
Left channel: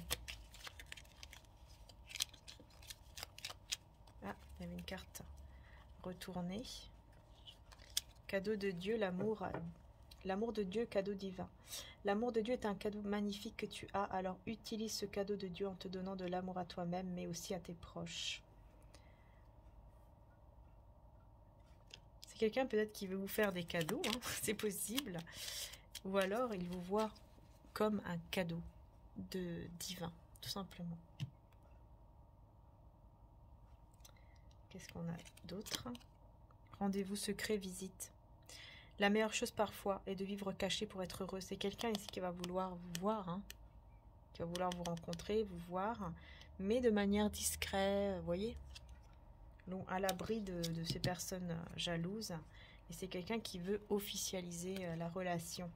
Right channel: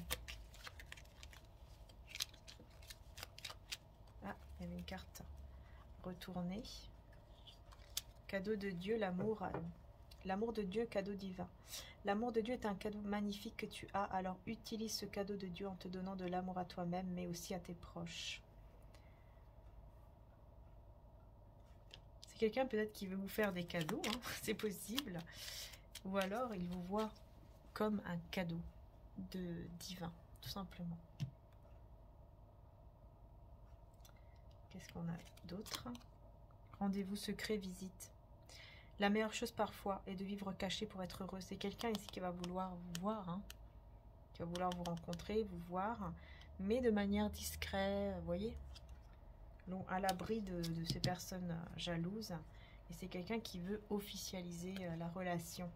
Ah, il y avait une carte retournée. Cadeau de Dieu, l'amour. L'amour de Dieu, cadeau divin. L'amour de Dieu est un cadeau magnifique que tu as, alors utilise ce cadeau de Dieu en te donnant de l'amour à toi-même, mais aussi à tes proches. C'est quelqu'un peut-être qui veut vous faire des cadeaux, hein, c'est possible. Ou alors il vous voit comme un cadeau divin, tout simplement. Qu'est-ce qu'on a d'autre? Rendez-vous secret, visite. La meilleure chose parfois est de vivre caché pour être heureux. C'est quelqu'un ici qui va vouloir vous voir, hein, qui va vouloir vous rencontrer, vous voir, mais de manière discrète, vous voyez, donc à l'abri de ces personnes jalouses. Et c'est quelqu'un qui veut officialiser la relation.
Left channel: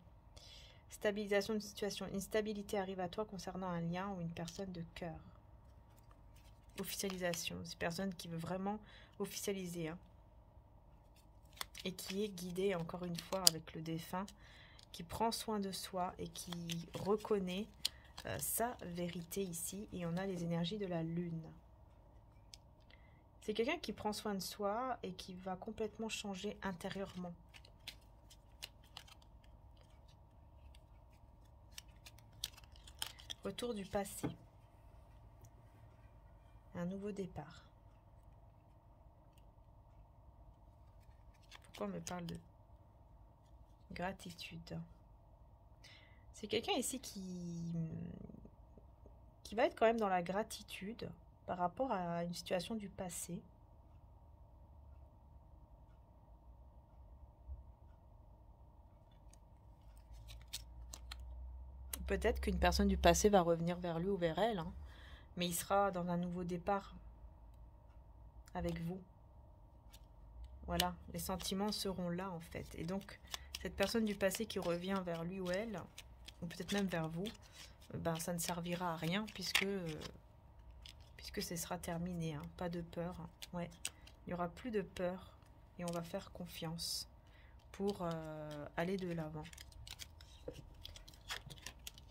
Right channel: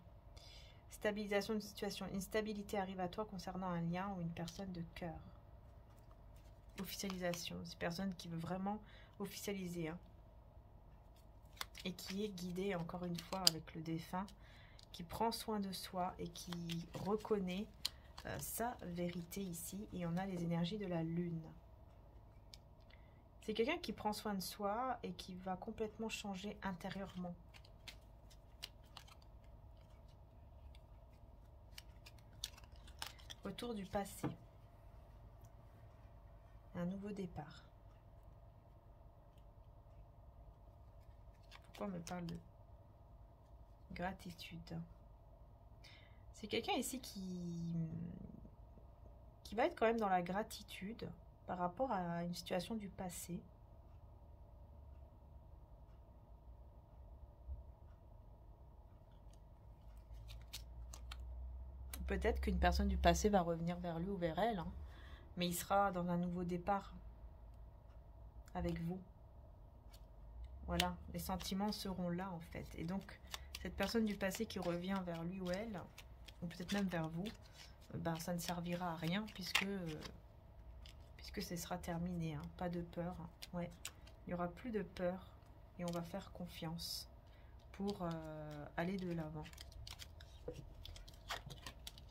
Stabilisation d'une situation. Une stabilité arrive à toi concernant un lien ou une personne de cœur. Officialisation. C'est une personne qui veut vraiment officialiser, hein. Et qui est guidé encore une fois avec le défunt, qui prend soin de soi et qui reconnaît sa vérité ici. Et on a les énergies de la lune. C'est quelqu'un qui prend soin de soi et qui va complètement changer intérieurement. Retour du passé. Un nouveau départ. On me parle de gratitude. C'est quelqu'un ici qui va être quand même dans la gratitude par rapport à une situation du passé. Peut-être qu'une personne du passé va revenir vers lui ou vers elle, hein, mais il sera dans un nouveau départ avec vous. Voilà, les sentiments seront là en fait. Et donc, cette personne du passé qui revient vers lui ou elle, ou peut-être même vers vous, ben, ça ne servira à rien puisque ce sera terminé. Hein. Pas de peur. Hein. Ouais. Il n'y aura plus de peur et on va faire confiance pour aller de l'avant.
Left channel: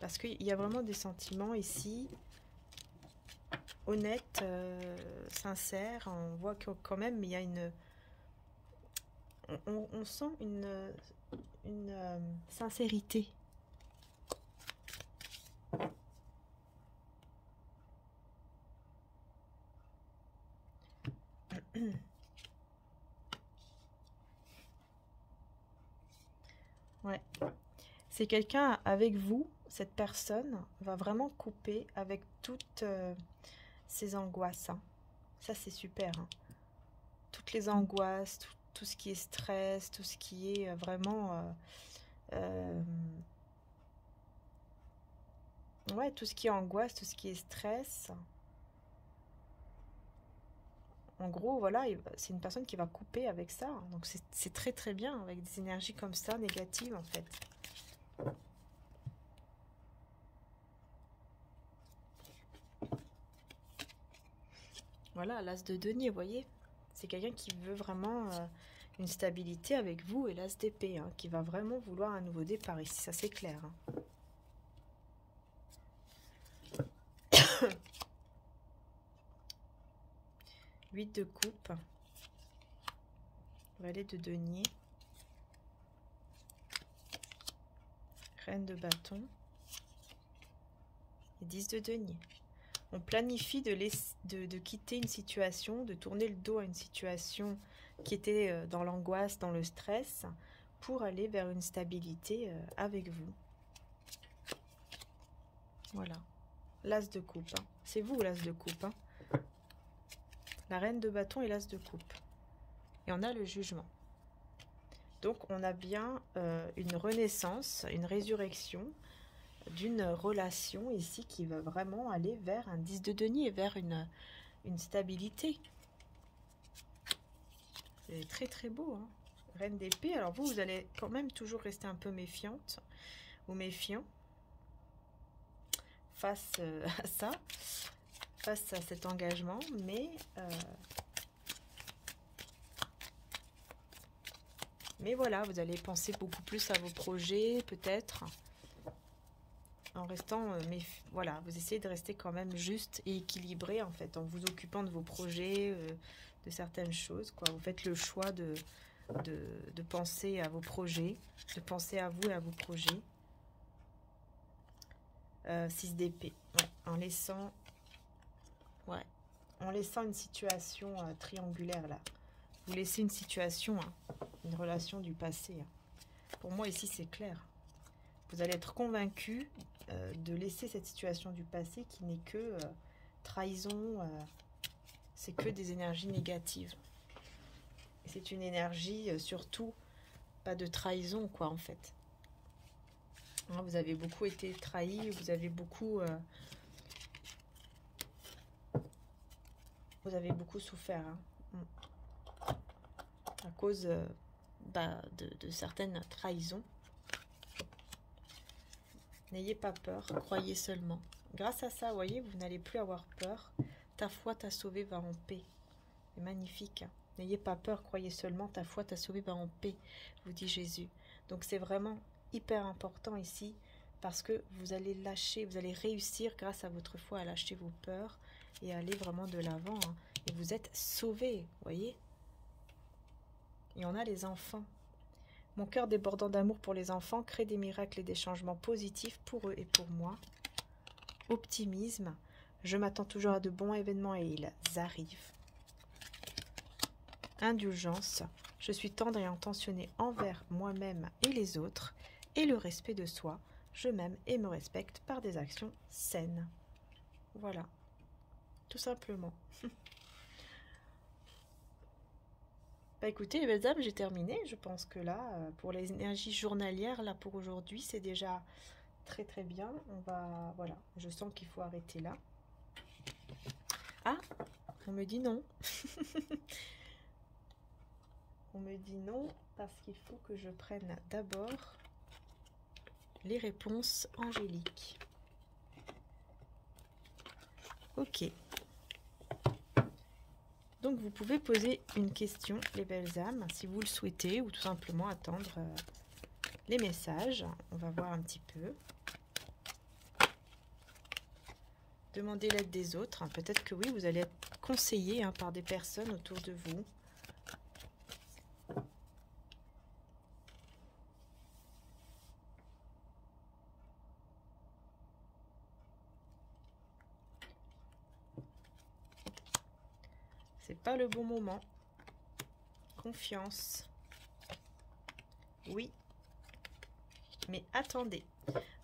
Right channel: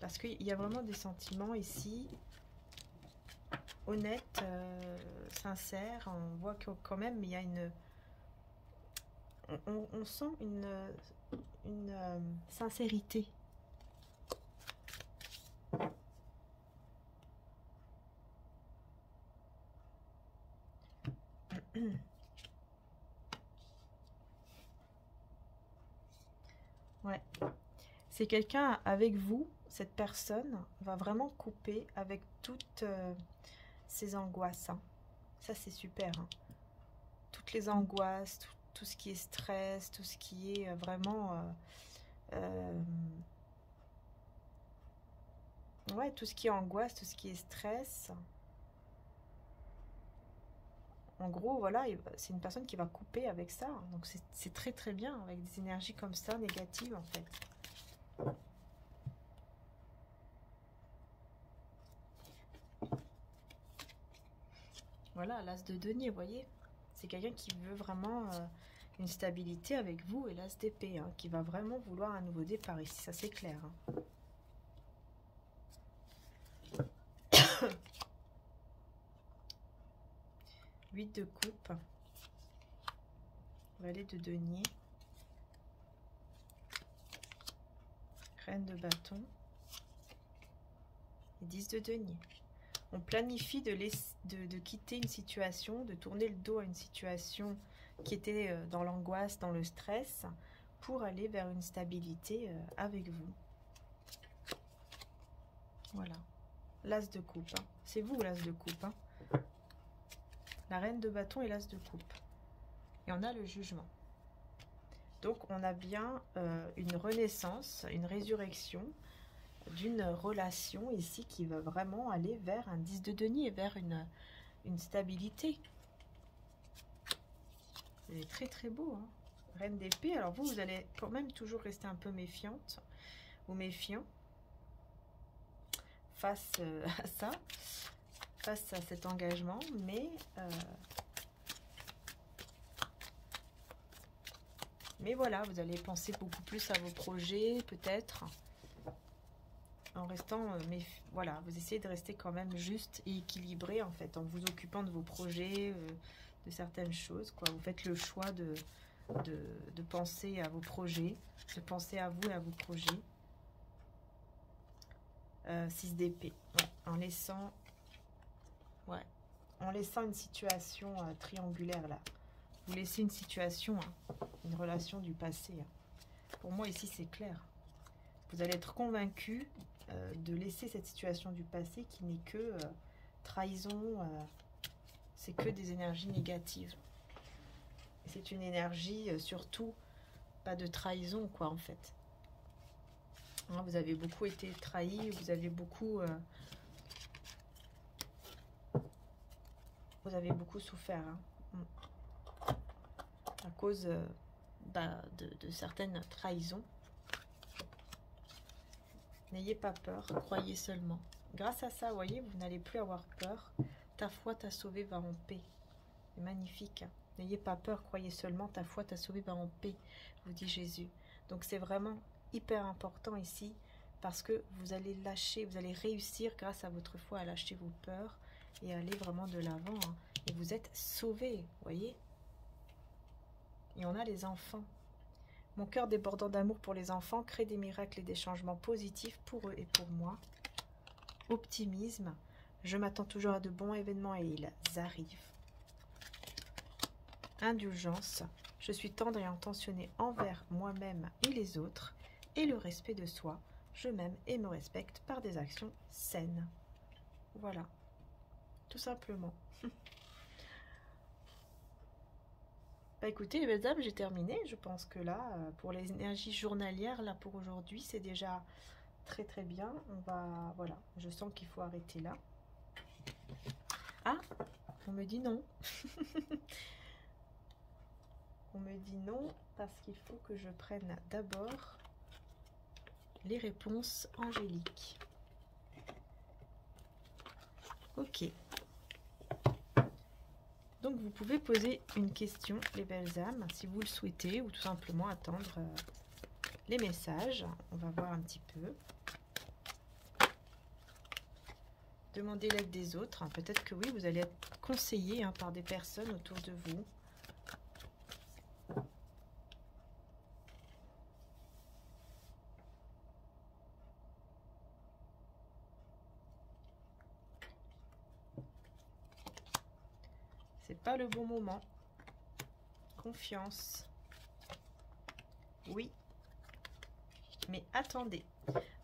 Parce qu'il y a vraiment des sentiments ici honnêtes, sincères. On voit que quand même il y a une... On sent une sincérité. Ouais. C'est quelqu'un avec vous, cette personne va vraiment couper avec toutes ses angoisses. Hein. Ça, c'est super. Hein. Toutes les angoisses, tout ce qui est stress, tout ce qui est vraiment... ouais, tout ce qui est angoisse, tout ce qui est stress. En gros, voilà, c'est une personne qui va couper avec ça. Donc, c'est très, très bien avec des énergies comme ça, négatives, en fait. Voilà, l'as de denier, vous voyez. C'est quelqu'un qui veut vraiment une stabilité avec vous et l'as d'épée, hein, qui va vraiment vouloir un nouveau départ ici, ça c'est clair. Hein. 8 de coupe. Valet de denier. Reine de bâton. Et 10 de denier. On planifie de quitter une situation, de tourner le dos à une situation qui était dans l'angoisse, dans le stress, pour aller vers une stabilité avec vous. Voilà. L'as de coupe. Hein. C'est vous l'as de coupe. Hein. La reine de bâton et l'as de coupe. Et on a le jugement. Donc on a bien une renaissance, une résurrection d'une relation ici qui va vraiment aller vers un 10 de denier, vers une stabilité. C'est très très beau. Hein. Reine d'épée. Alors vous allez quand même toujours rester un peu méfiante ou méfiant face à ça, face à cet engagement, mais voilà, vous allez penser beaucoup plus à vos projets, peut-être, en restant, mais voilà, vous essayez de rester quand même juste et équilibré, en fait, en vous occupant de vos projets, de certaines choses, quoi. Vous faites le choix de penser à vos projets, de penser à vous et à vos projets. 6 d'épée, ouais, en laissant une situation triangulaire, là. Vous laissez une situation, hein, une relation du passé. Hein. Pour moi, ici, c'est clair. Vous allez être convaincu de laisser cette situation du passé qui n'est que trahison, c'est que des énergies négatives. C'est une énergie, surtout, pas de trahison, quoi, en fait. Hein, vous avez beaucoup été trahi, vous avez beaucoup souffert. Hein. À cause de certaines trahisons. N'ayez pas peur, croyez seulement. Grâce à ça, vous voyez, vous n'allez plus avoir peur. Ta foi t'a sauvé, va en paix. C'est magnifique. Hein. N'ayez pas peur, croyez seulement, ta foi t'a sauvé, va en paix, vous dit Jésus. Donc c'est vraiment hyper important ici, parce que vous allez lâcher, vous allez réussir grâce à votre foi à lâcher vos peurs et aller vraiment de l'avant. Hein. Et vous êtes sauvés, vous voyez. Et on a les enfants. Mon cœur débordant d'amour pour les enfants crée des miracles et des changements positifs pour eux et pour moi. Optimisme. Je m'attends toujours à de bons événements et ils arrivent. Indulgence. Je suis tendre et intentionné envers moi-même et les autres. Et le respect de soi. Je m'aime et me respecte par des actions saines. Voilà. Tout simplement. Bah écoutez, les belles âmes, j'ai terminé. Je pense que là, pour les énergies journalières, là pour aujourd'hui, c'est déjà très très bien. On va, voilà, je sens qu'il faut arrêter là. Ah, on me dit non. On me dit non parce qu'il faut que je prenne d'abord les réponses angéliques. Ok. Donc vous pouvez poser une question, les belles âmes, si vous le souhaitez, ou tout simplement attendre les messages. On va voir un petit peu. Demandez l'aide des autres. Hein. Peut-être que oui, vous allez être conseillé par des personnes autour de vous. C'est pas le bon moment. Confiance. Oui. Mais attendez.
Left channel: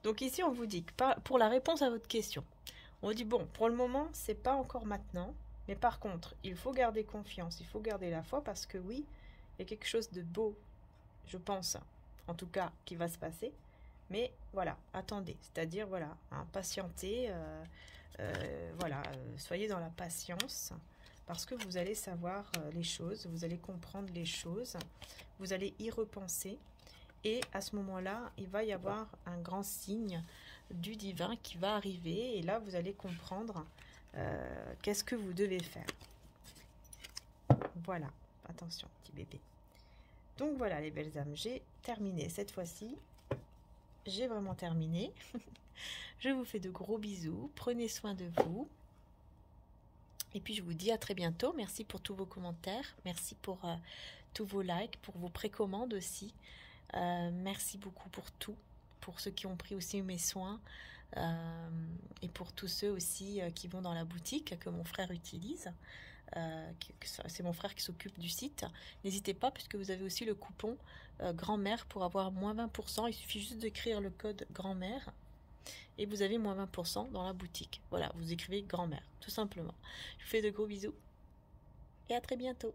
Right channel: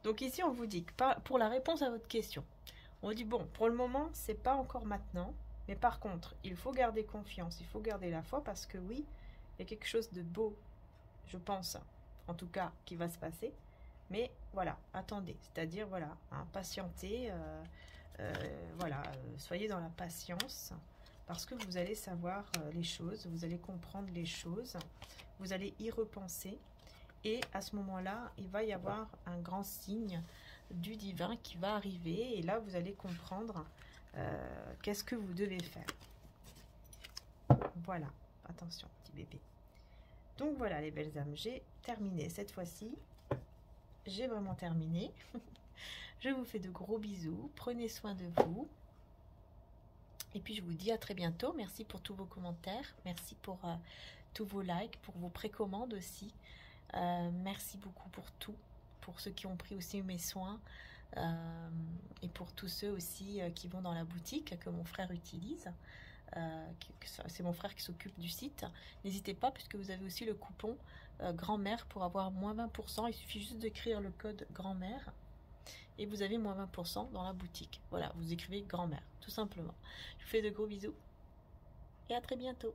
Donc ici, on vous dit que pour la réponse à votre question, on dit bon, pour le moment, c'est pas encore maintenant. Mais par contre, il faut garder confiance. Il faut garder la foi parce que oui, il y a quelque chose de beau, je pense, en tout cas, qui va se passer. Mais voilà, attendez. C'est-à-dire, voilà, patientez. Voilà, soyez dans la patience. parce que vous allez savoir les choses, vous allez comprendre les choses, vous allez y repenser. Et à ce moment-là, il va y avoir un grand signe du divin qui va arriver. Et là, vous allez comprendre qu'est-ce que vous devez faire. Voilà, attention, petit bébé. Donc voilà les belles âmes, j'ai terminé cette fois-ci. J'ai vraiment terminé. Je vous fais de gros bisous. Prenez soin de vous. Et puis je vous dis à très bientôt. Merci pour tous vos commentaires. Merci pour tous vos likes, pour vos précommandes aussi. Merci beaucoup pour tout. Pour ceux qui ont pris aussi mes soins. Et pour tous ceux aussi qui vont dans la boutique que mon frère utilise. C'est mon frère qui s'occupe du site. N'hésitez pas puisque vous avez aussi le coupon grand-mère pour avoir moins 20%. Il suffit juste d'écrire le code grand-mère et vous avez moins 20% dans la boutique. Voilà, vous écrivez grand-mère tout simplement. Je vous fais de gros bisous et à très bientôt.